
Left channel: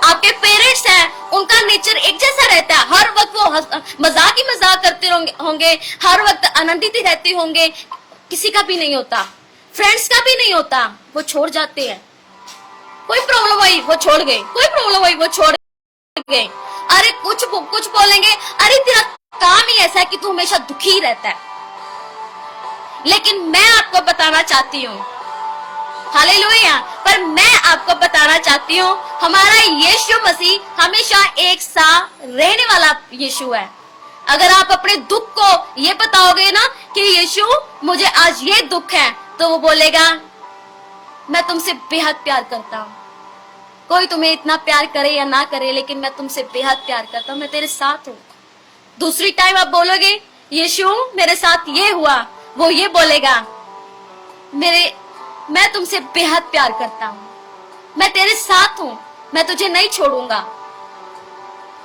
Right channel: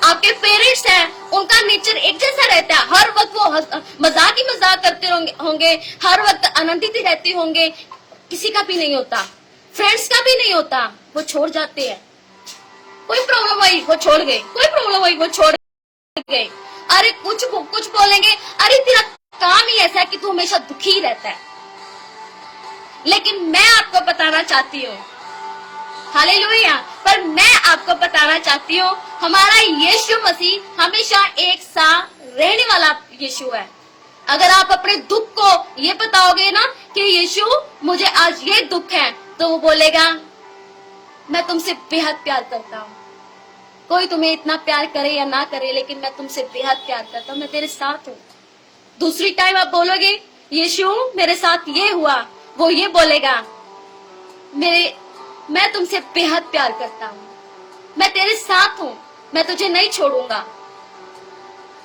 आपके पेरेंट्स हैं, उनका नेचर एक जैसा रहता है? हर वक्त वो मजाक ही मजाक करते होंगे, हर वक्त आनंदित रहते होंगे? किसी का भी नहीं होता, फ्रेंड्स का भी नहीं होता, वो छोड़ जाते हैं। कोई प्रॉब्लम हुई वो छोड़ गए, कोई प्रॉब्लम हुई वो छोड़ गए। अरे कुछ बोलेंगे, अरे तेरा काम ही ऐसा है कि तू हमेशा दुखी रहता है। लेकिन मैं आपको बताना चाहती हूँ, हालेलुया, पर मैं आपको बताना चाहती हूँ हमारा यीशु मसीह हमेशा एक साथ रहने वाला यीशु है। अगर आप अपने दुख को ये बताओगे ना कि यीशु मुझे आज ये दुख है, तो वो बोलेगा मैं तुमसे बेहद प्यार करता हूँ। कोई तुम्हें इतना प्यार करे या ना करे, लेकिन मैं तुमसे बेहद प्यार करता हूँ, मैं तेरे साथ हूँ। दूसरी टाइम आप बोलोगे यीशु मेरे साथ ये हुआ, वो ये बोलेगा मैं तुमसे बेहद प्यार करता हूँ, मैं तेरे साथ हूँ, मैं तुझे नहीं छोड़ूंगा।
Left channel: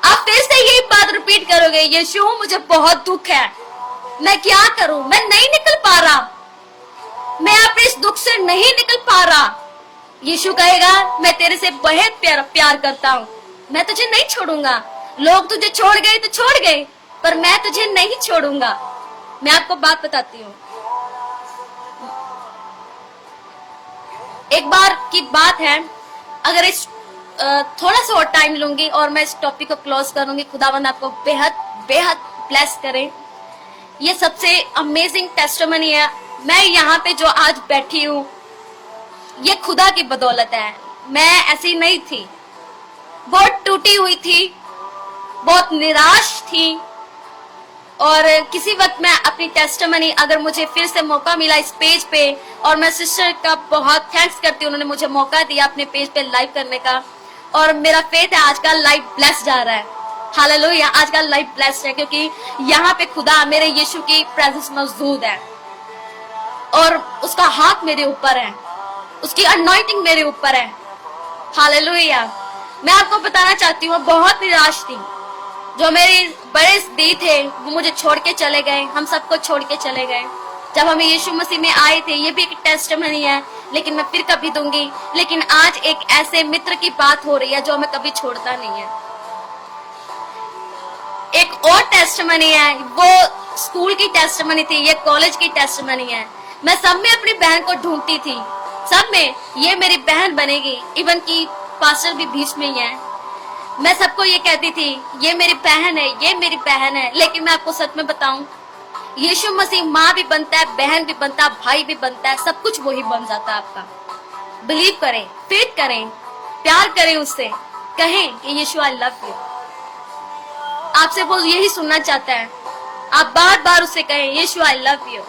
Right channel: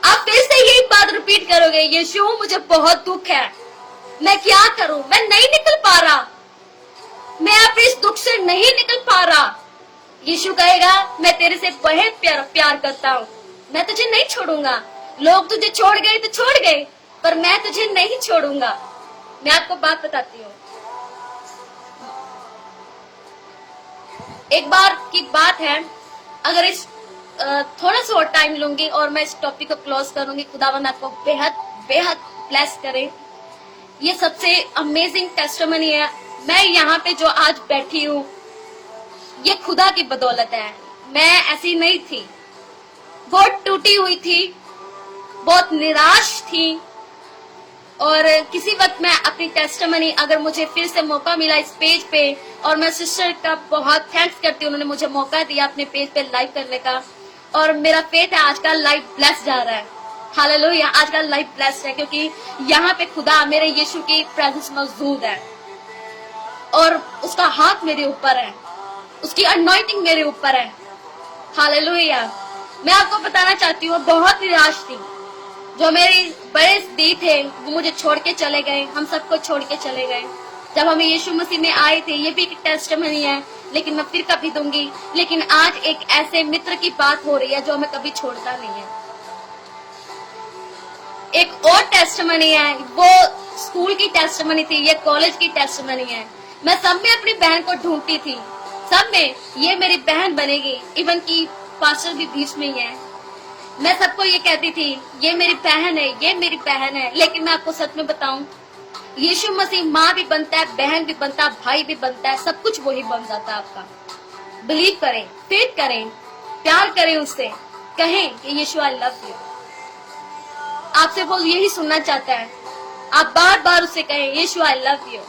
आप फिर से यही बात रिपीट करोगे, यीशु मुझे बहुत दुख है, मैं क्या करूं, मैं नहीं निकल पा रहा, मैं अब इस दुख से नहीं निकल पा रहा। यीशु कहेगा मैं तेरे से बेहद प्यार करता हूँ, मैं तुझे नहीं छोड़ूंगा। लोग तुझे छोड़ गए तो छोड़ गए, पर मैं तुझे नहीं छोड़ूंगा। मैं आपको बात बताती हूँ, एक बार की बात है, अगर इस थोड़ा सा और टाइम लूंगी और मैं इस टॉपिक को क्लोज करूंगी। खुदावंद आपको बेहद बेहद ब्लेस करे। ये सबसे अमेजिंग टेस्टिमनी है। मैं यहाँ पे जो आज बैठी हूँ, ये खुदा की बदौलत है। मैं ऐसी नहीं थी, बहुत टूटी हुई थी, बहुत निराश थी, और किसी वक्त मैं अपनी टेस्टिमनी, अगर मुझे फिर से मौका मिला इस पेज पे, और मैं सिस्टर का बहुत थैंक्स करती हूँ, उन्होंने मुझे मौका दिया अपने पेज पे लाइव करने का, और मेरा फेथ है आजकल लाइव ब्लेस जा रहा है। हालेलुया, आजकल लाइव ब्लेस है, क्योंकि यहाँ पे खुदा मेरे यीशु की प्रेजेंस मौजूद है, और उसका हाथ मेरे ऊपर है, उसकी अनॉइंटिंग मेरे ऊपर है। हालेलुया। मैं आपको बताना चाहती हूँ, बहुत निराश थी। जो मेरे बड़े दी थे वो मुझे छोड़ के चले गए, हम सबको छोड़ के चले गए। जब हम यीशु मसीह में आए थे, ये भी एक टेस्टिमनी है, लेकिन मैं फिर कभी दूंगी। लेकिन आज एक ऐसे मित्र की बात हो रही है जो हमें कभी छोड़ता नहीं है। एक और टेस्टिमनी है, वो स्कूल की टेस्टिमनी थी, ये कॉलेज की टेस्टिमनी है। मैं सब में अपनी बहन को ढूंढती थी, सब में ये मेरी बहन बनेगी, इवन की पास्टर भी बीच में ही है। मैं सबको ये कहती थी ये मेरी बहन है, ये मेरी बहन है। लेकिन मैं आपको सच में बताऊं, यीशु मसीह माँ भी बनता है, बहन भी बनता है, भाई भी बनता है, सब कुछ वही बन जाता है आपका। बिलीव करें, फेथ करें, प्यार करें उससे, कहें कि यीशु आई लव यू। आपसे वो यही सुनना चाहता है, आप बार बार उससे कहें यीशु आई लव यू।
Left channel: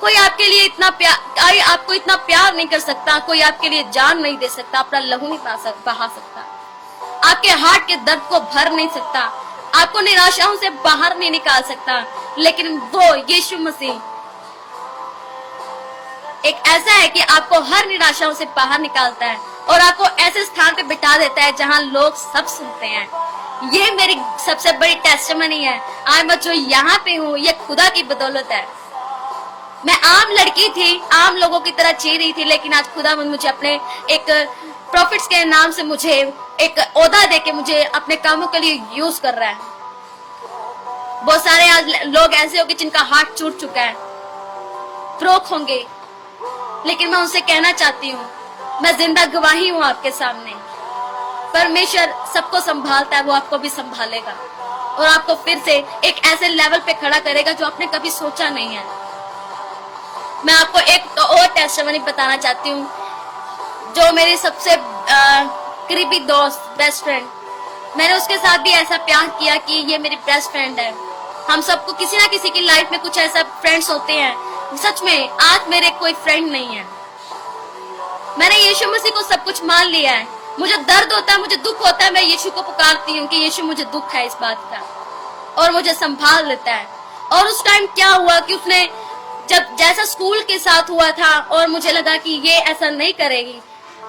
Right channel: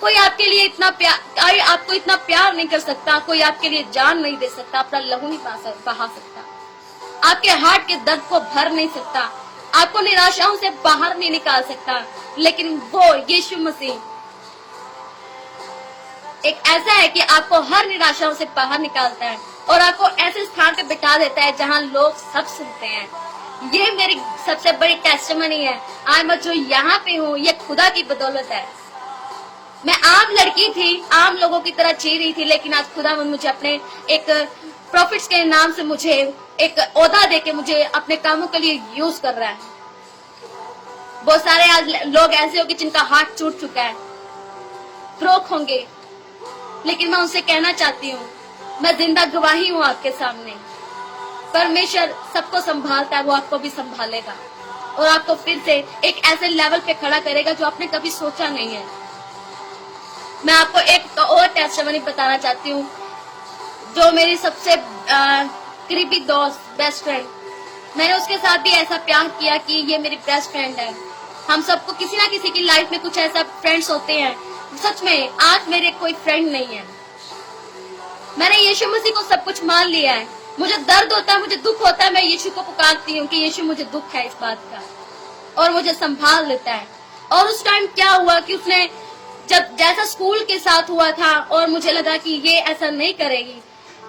कोई आपके लिए इतना प्यार, आपको इतना प्यार नहीं कर सकता, कोई आपके लिए जान नहीं दे सकता, अपना लहू नहीं बहा सकता, आपके हार्ट के दर्द को भर नहीं सकता, आपको निराशाओं से बाहर नहीं निकाल सकता। लेकिन वो यीशु मसीह एक ऐसा है कि आपको हर निराशाओं से बाहर निकालता है और आपको ऐसे स्थान पे बिठा देता है जहां लोग सब सुनते हैं। ये मेरी सबसे बड़ी टेस्टिमनी है। आज मैं जो यहाँ पे हूँ, ये खुदा की बदौलत है। मैं आम लड़की थी, आम लोगों की तरह जी रही थी, लेकिन आज खुदा मुझे अपने एक प्रॉफिट्स के नाम से मुझे एक ओहदा देके मुझे अपने कामों के लिए यूज कर रहा है। बहुत सारे आज लोग ऐसे होंगे जिनका हार्ट टूट चुका है, ब्रोक होंगे, लेकिन मैं उनसे कहना चाहती हूँ, मैं जिंदा गवाही हूँ आपके सामने। परमेश्वर सबको संभालता है, वो आपको भी संभालेगा और आपको फिर से एक ऐसे लेवल पे खड़ा करेगा जो आपने कभी सोचा नहीं है। मैं आपको एक और टेस्टिमनी बताना चाहती हूँ, जो मेरी सबसे करीबी दोस्त, बेस्ट फ्रेंड, मैंने उसके साथ भी ऐसा प्यार किया कि ये मेरी बेस्ट फ्रेंड है। हम सबको किसी ना किसी की लाइफ में कुछ ऐसा फ्रेंड्स होते हैं। सच में आज मेरे कोई फ्रेंड नहीं है। मैंने यीशु मसीह को सब कुछ मान लिया है। मुझे दर्द होता है, मुझे दुख होता है, मैं यीशु को पुकारती हूँ कि यीशु मुझे दुख है इस बात का, और मुझे संभाल लेता है। और उस टाइम क्या हुआ कि उसने जब जैसा स्कूल के साथ हुआ था और मुझे लगा कि ये ऐसा नहीं करेगी,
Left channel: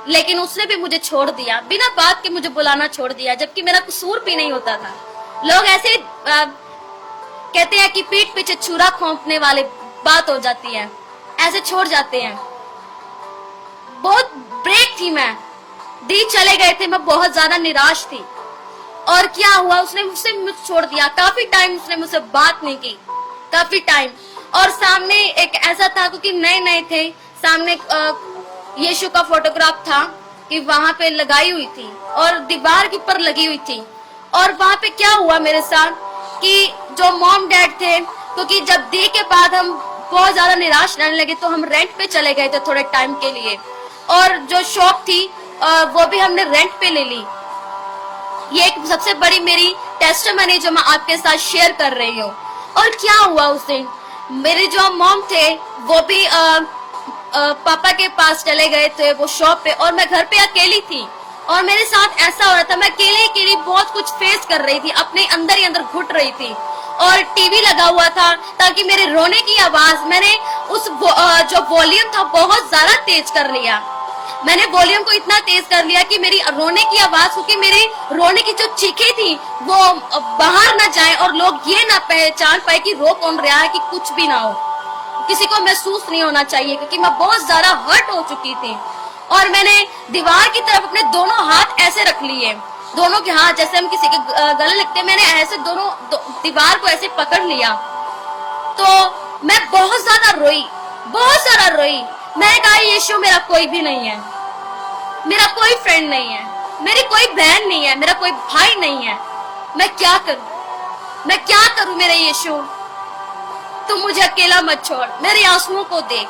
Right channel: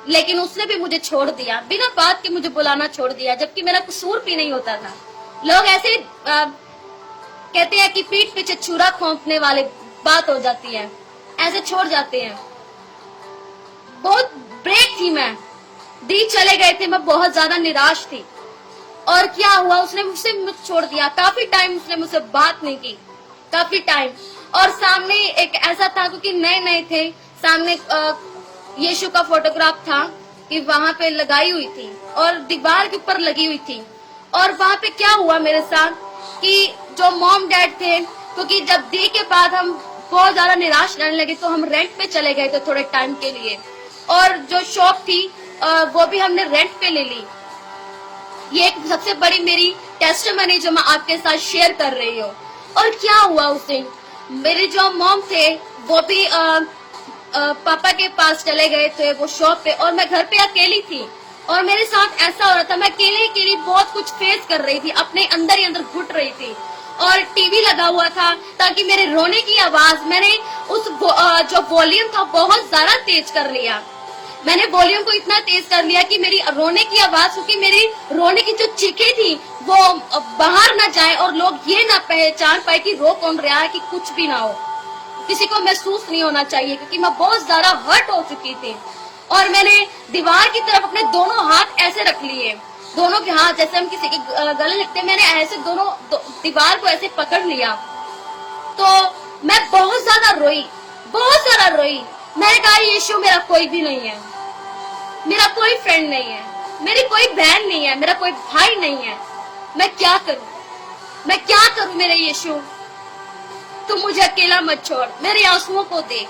लेकिन उसने भी मुझे छोड़ दिया, बिना बात के मुझे बुलाना छोड़ दिया, जबकि मेरा कसूर भी नहीं होता था। लोग ऐसे कहते हैं कि पीठ पीछे छुरा खोंपने वाली बात हो जाती है, ऐसे छोड़ जाते हैं। बहुत ब्रेक थी मैं, दिन चले गए थे, मैं बहुत ज्यादा निराश थी। और क्या हुआ, उसने मुझसे छोड़ दिया। काफी टाइम उसने मुझसे बात नहीं की, काफी टाइम। और सामने एक ऐसा था, क्योंकि नए नए थे, सामने यीशु का फोटोग्राफ था कि वहां पे लगाई हुई थी और दीवार के ऊपर लगी हुई थी। और वहां पे क्या हुआ मेरे साथ कि जो मॉम डैड थे, क्योंकि जब दी के बाद हम बहुत ज्यादा निराश रहने लगे, तो हम रेंट पे चले गए थे थोड़े टाइम के लिए, और जो शॉप थी वो भी हमने रेंट पे ले ली। ये एक सबसे बड़ी मेरी टेस्टिमनी जो मैं आपके साथ शेयर कर रही हूँ। और क्या हुआ उस दिन, मेरे जो मॉम थे वो भी पापा के पास चले गए थे वो शॉप पे, और मैं घर पे अकेली थी। और मेरे साथ ऐसा हो रहा था, मैं अकेली बहुत कुछ फेस कर रही थी, अपने अंदर ही अंदर घुट रही थी। और टीवी लगा हुआ था ताकि मेरे रोने की आवाज, मैंने उस जो वॉल्यूम था बहुत ज्यादा तेज कर लिया। मैंने वॉल्यूम को इतना तेज कर लिया कि मेरी रोने की आवाज, क्योंकि मेरी रोने की जो चीखें थी वो बाहर ना जाए और लोग ये ना पहचान पाए कि रो कौन रहा है, कि कुछ भी ना हो, किसी को महसूस नहीं होना चाहिए, क्योंकि मैं बहुत ज्यादा हर्ट हो चुकी थी। और मैंने दीवार की तरफ अपने दोनों हाथ ऐसे रख लिए, दोनों के हाथ जैसे हम किसी के गले लगते, मैंने ऐसे दीवार को ऐसे पकड़ लिया। तो मैं बहुत ज्यादा रोई, बहुत सारा रोई। मैंने कहा यीशु मेरा कोई भी नहीं है, मेरा कोई फ्रेंड नहीं है, मेरी कोई बहन नहीं है, मेरा कोई भाई नहीं है, मैं क्या करूं, मैं क्या करूं मेरे यीशु, तुम मुझे अकेला मत छोड़, मेरे आंसुओं को देख।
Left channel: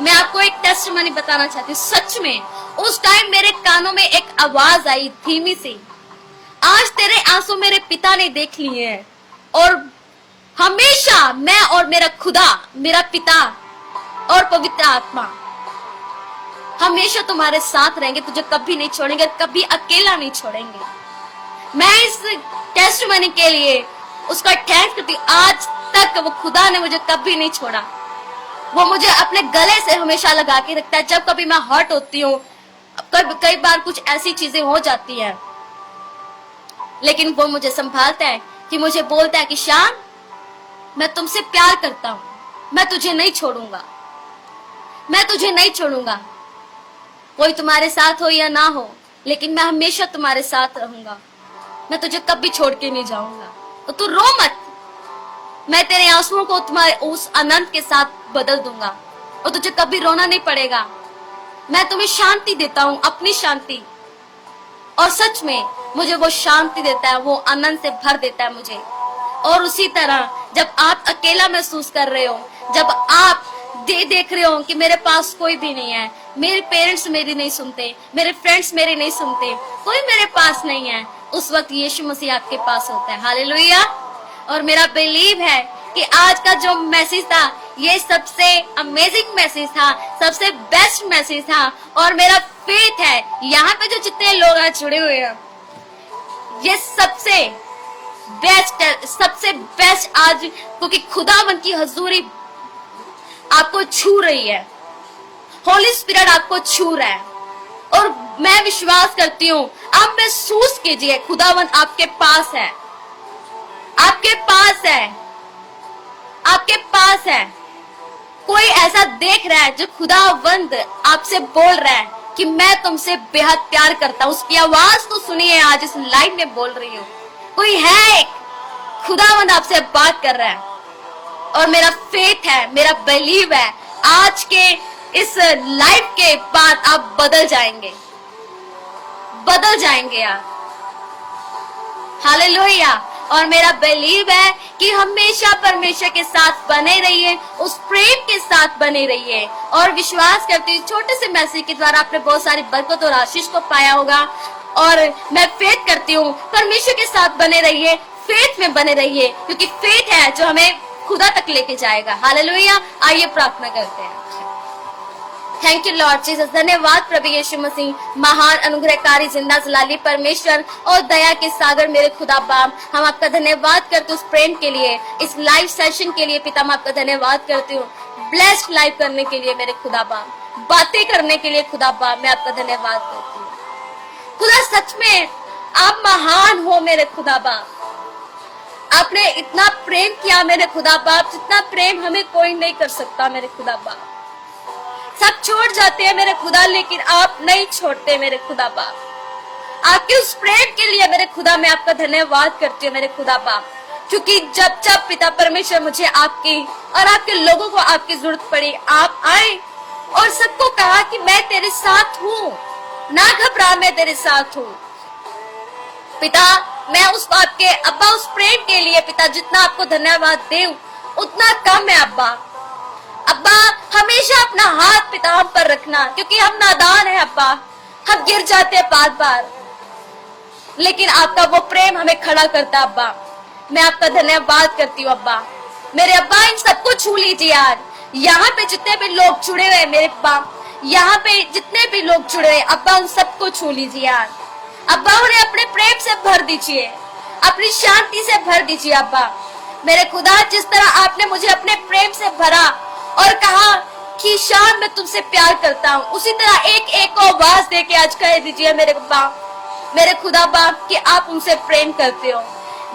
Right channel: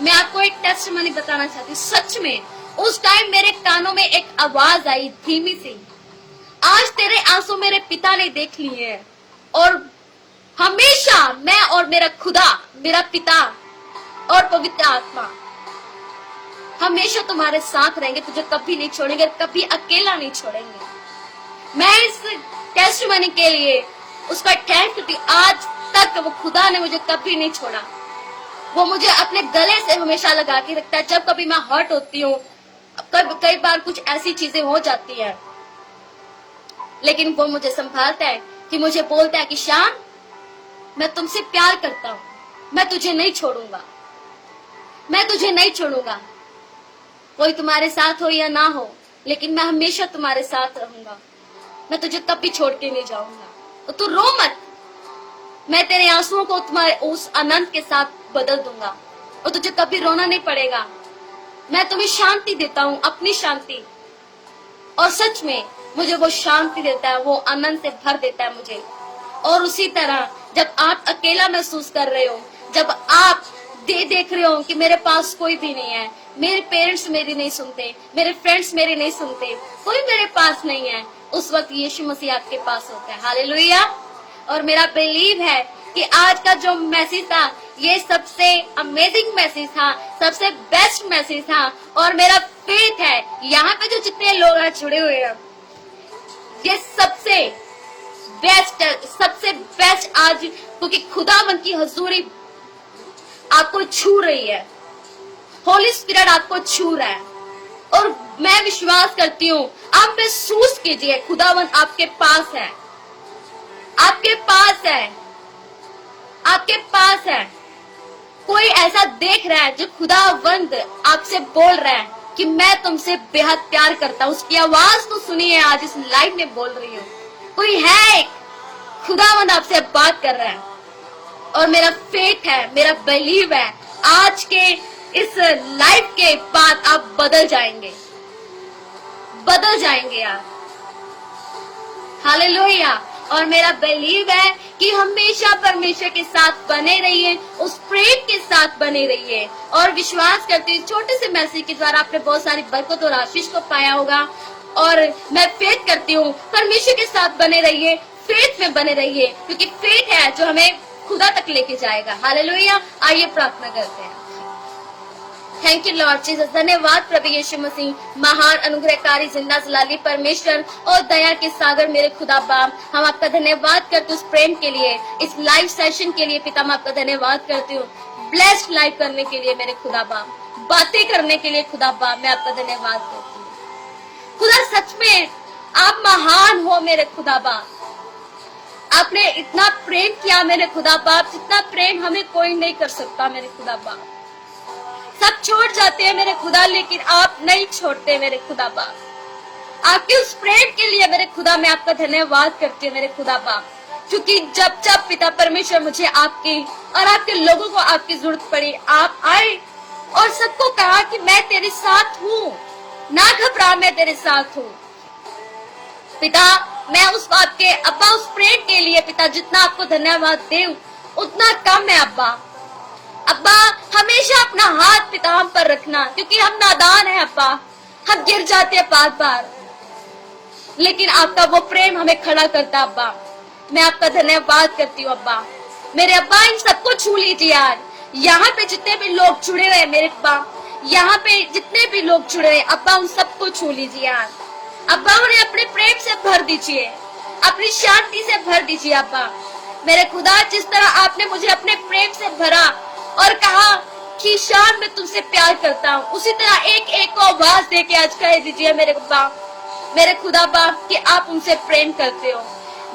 मैं आपको एक टेस्टिमनी बताना चाहती हूँ, सच में उस टाइम मेरे कानों में एक आवाज आई धीमी सी, आज तेरे आंसू मेरे पिता ने देख लिए हैं, और हमेशा मैं और मेरा खुदा, मेरा पिता और पवित्र आत्मा हमेशा तुम्हारे साथ रहेंगे, तुझे कभी नहीं छोड़ेंगे, कभी अकेला नहीं छोड़ेंगे। मैं इस टेस्टिमनी के लिए उसका थैंक्स करती हूँ। आज तक वो खुदा ने मुझे कभी नहीं छोड़ा, वो मुझे अपने गले से हमेशा लगा के रखता है। जब कभी मैं हर्ट होती हूँ, कई बार कुछ ऐसी चीजें हो जाती है, लेकिन वो मुझे संभालता है, कि मुझे बोलता है कि शाम मैं तुमसे प्यार करता हूँ, मैं तुझे नहीं छोड़ूंगा, मैं तुझे नहीं छोड़ूंगा, कोई तुम्हारे साथ हो या ना हो, लेकिन मैं हमेशा तुम्हारे साथ रहूंगा, मैं तुझे कभी छोड़ के नहीं जाऊंगा। तो तू रो मत, मैं तेरे आंसुओं को तुम्हारे उस आनंद के साथ बदल दूंगा, और तुझे कभी रोना नहीं पड़ेगा। मैं तुम्हें शांति देता हूँ, अपनी शांति, और सच में मुझे वो शांति देता है, वो आनंद से भर देता है मुझे। और उसी तरह जब आप अकेला महसूस कर रहे हो, जब आप देख रहे हो कि मेरे पास कोई भी नहीं है, मेरे पेरेंट्स मेरी नहीं सुनते, मेरे फ्रेंड्स मेरे नहीं सुनते, कोई मेरे पास नहीं है, उस वक्त यीशु मसीह आपके पास होता है। हालेलुया। और मेरा बिलीव है कि आज का जो मैसेज था ये सबसे अमेजिंग मैसेज था, सबसे बेस्ट मैसेज था। और मेरा फेथ है यहाँ पे जो जितने लोग आज जुड़े हुए हैं, ये सबसे बेस्ट आज, क्योंकि खुदावंद की हजूरी आपको छू रही है, होली स्पिरिट आपको छू रहा है। और मैं विश्वास करती हूँ, आप महसूस कीजिए खुदावंद आपके पास है, आपके पास है, आपके पास है। कोई ऐसा देख रहा है जो खुदावंद आपसे बोल रहा है कि मैं तुमसे बेहद प्यार करता हूँ। उसकी आवाज तो सुनिए, आज इस लाइव में बोल रही हूँ, कोई है, खुदावंद आपसे बात कर रहा है। और मेरा फेथ है, मेरा बिलीव है, आज के इस लाइव के बाद आप बदल जाएंगे, बदल जाएंगे यार। हालेलुया। और मेरा बिलीव है कि हमेशा परमेश्वर के साथ बने रहिए, उस प्रेम के साथ बने रहिए। और विश्वास करती हूँ छोटे से मैसेज के द्वारा आपने बहुत सारी बरकत और आशीष को पाया होगा। और मैं फेथ करती हूँ, परमेश्वर के साथ बने रहिए, फेथ में बने रहिए, क्योंकि फेथ है जो हमें खुदा तक लेके जाएगा। हालेलुया। आइए प्रार्थना करते हैं। Thank you Lord Jesus. धन्यवाद प्रभु यीशु मसीह, महान अनुग्रहकारी जिंदा जलाली परमेश्वर और दया के सागर मेरे खुदा बाप, हम आपका धन्यवाद करते उस प्रेम के लिए, इस लाइव सेशन के लिए पिता, मैं आपका धन्यवाद करती हूँ। ब्लेस्ड लाइव करने के लिए मेरे खुदा बाप, बातें करने के लिए खुदा बाप, मैं आपका धन्यवाद करती हूँ। खुदा सच में आप महान हो मेरे खुदा बाप, आपने इतना प्रेम किया मेरे खुदा बाप, जितना प्रेम हमें कोई नहीं कर सकता मेरे खुदा बाप। सब छोड़ जाते हैं मेरे खुदा, लेकिन आप नहीं छोड़ते मेरे खुदा बाप। आपके उस प्रेम के लिए मेरे खुदा मैं आपका धन्यवाद करती हूँ मेरे खुदा बाप, क्योंकि जब जब पिता परमेश्वर मुझे आपकी और आपके लोगों को आपकी जरूरत पड़ी, आप आए और सबको कहा कि मैं तेरे साथ हूँ, ना घबरा, मैं तेरे साथ हूँ। पिता मैं उस आपके अब्बा उस प्रेम के लिए पिता जितना आपको धन्यवाद दूं उतना कम है अब्बा। अब्बा हमेशा अपना हाथ पिता हम पर रखना, क्योंकि हम नादान हैं अब्बा, हम गिर जाते हैं बार बार। लेकिन आपका वो प्रेम हमें खड़ा करता। अब्बा मैं आपका धन्यवाद करती हूँ। अब्बा मेरे अब्बा इन सबको छू लीजिए यार। यहाँ पे जितने भी लोग जुड़े हुए हैं मेरे अब्बा, यहाँ पे जितने भी लोग जुड़े हुए अब्बा उन सबको छू लीजिए यार। अब्बा उन्हें अपने प्रेम से भर दीजिए, अपनी शांति से भर दीजिए। अब्बा मेरे खुदा जिस तरह आपने मुझे अपने प्रेम से भरा और कहा कि शान मैं तुमसे प्यार करता हूँ, उसी तरह एक एक को आवाज दे के आज कह दीजिए मेरे बाप, मेरे खुदा बाप कि आप उनसे प्रेम करते हो।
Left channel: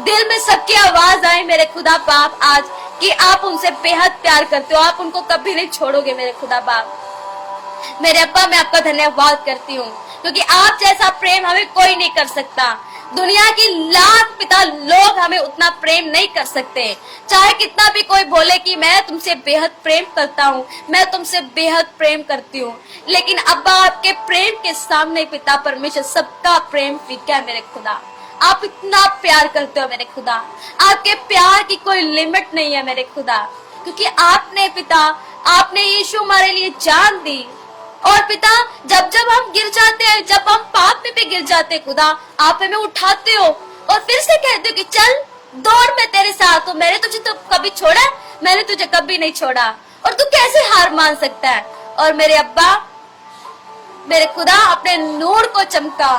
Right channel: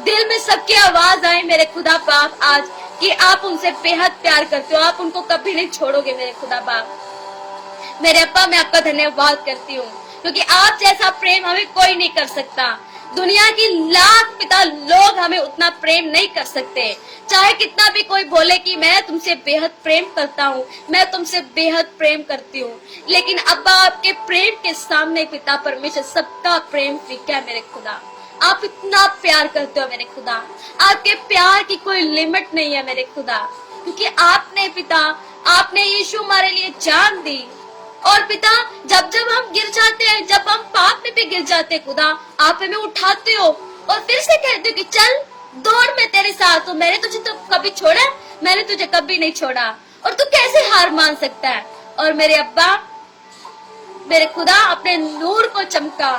दिल में सबकी आवाज आए मेरे खुदा बाप आज कि आप उनसे बेहद प्यार करते हो, आप उनको कभी नहीं छोड़ोगे मेरे खुदा बाप। मेरे अब्बा मैं आपका धन्यवाद करती हूँ क्योंकि आप जैसा प्रेम हमें कोई नहीं कर सकता। दुनिया की लाख पिता लोग हमें उतना प्रेम नहीं कर सकते। चाहे कितना भी कोई बोले कि मैं तुमसे बेहद प्रेम करता हूँ, मैं तुमसे बेहद प्रेम करती हूँ, लेकिन अब्बा आपके प्रेम के सामने पिता परमेश्वर सबका प्रेम फीका है मेरे खुदा। आप इतना प्यार करते हो मेरे खुदा, आपके प्यार की कोई लिमिट नहीं है मेरे खुदा, क्योंकि आपने पिता आपने यीशु हमारे लिए जान दी। और पिता जब जब हम गिर जाते हैं, जब हम पाप में भी गिर जाते हैं खुदा, आप हमें उठाते हो और फिर से कहते हो कि चल दौड़ मैं तेरे साथ हूँ, मैंने तुझे तो कभी छोड़ा, मैंने तुझे कभी नहीं छोड़ा और तू कैसे हार मान सकता है। और मेरे अब्बा मेरे खुदा अपने नूर को चमका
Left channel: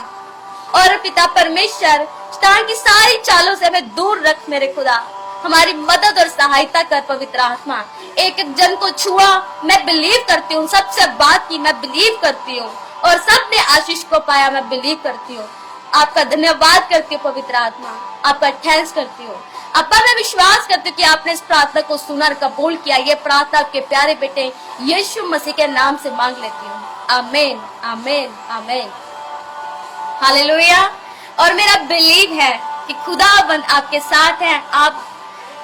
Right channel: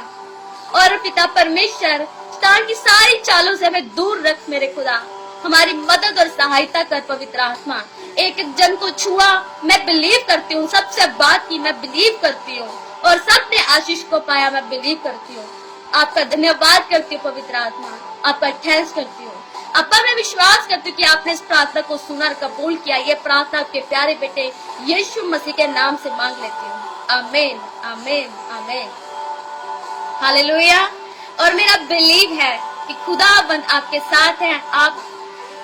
और पिता परमेश्वर शैतान की सारी चालों से हमें दूर रख मेरे खुदा, हमारी मदद और सहायता कर पवित्र आत्मा। एक एक जन को छुआ, मैं बिलीव करती हूँ, सबसे बात की मैं बिलीव करती हूँ और सबने आशीष को पाया, मैं बिलीव करती हूँ। आपका धन्यवाद करती हूँ पवित्र आत्मा, आपका थैंक्स करती हूँ। अब्बा मैं विश्वास करती हूँ कि आपने इस प्रार्थना को सुना और कबूल किया। ये प्रार्थना आपके प्यारे बेटे यीशु मसीह के नाम से मांग लेती हूँ। आमीन आमीन आमीन हालेलुया। और मेरा बिलीव है कि खुदावंद आपके साथ है। आप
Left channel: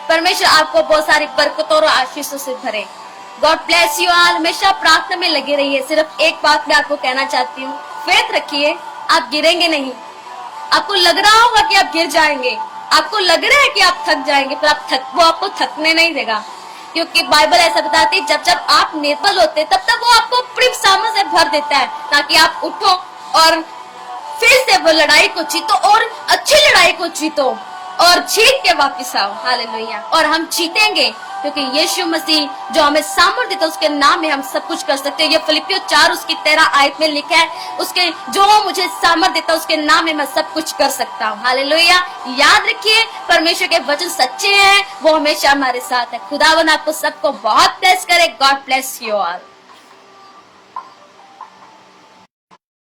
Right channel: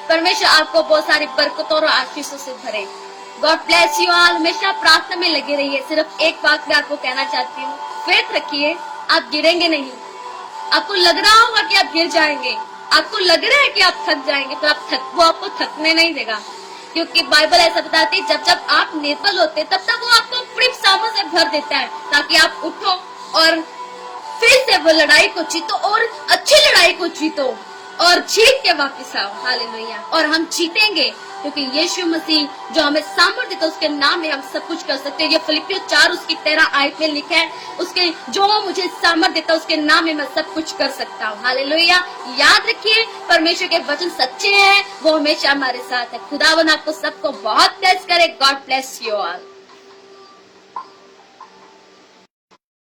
परमेश्वर आपको बहुत सारी बरकतों और आशीषों से भरे। God bless you all. हमेशा प्रार्थना में लगे रहिए। सिर्फ एक बात मैं आपको कहना चाहती हूँ, फेथ रखिए, आप गिरेंगे नहीं। आपको लग रहा होगा कि आप गिर जाएंगे, आपको लग रहा है कि आप थक जाएंगे, पर वो आपको थकने नहीं देगा, क्योंकि बाइबल ऐसा बताती है जब जब आप निर्बल होते तब तक वो आपको अपनी सामर्थ से भर देता है ताकि आप उठो और फिर से वो लड़ाई को जीतो और अच्छी लड़ाई को जीतो और जीत के वापस आओ। हालेलुया। और हम जीतेंगे क्योंकि यीशु मसीह जो हमें सामर्थ्य देता है, उसके नाम में हम सब कुछ कर सकते हैं। ये फिलिपियो 4:13 आयत में लिखा है, उसके जो मुझे सामर्थ्य देता है उसके नाम में मैं सब कुछ कर सकता हूँ। हालेलुया। याद रखिए परमेश्वर के वचन सच्चे हैं, वो हमेशा हमारे साथ है। खुदावन आपको सबको बहुत ब्लेस करे। God bless you all.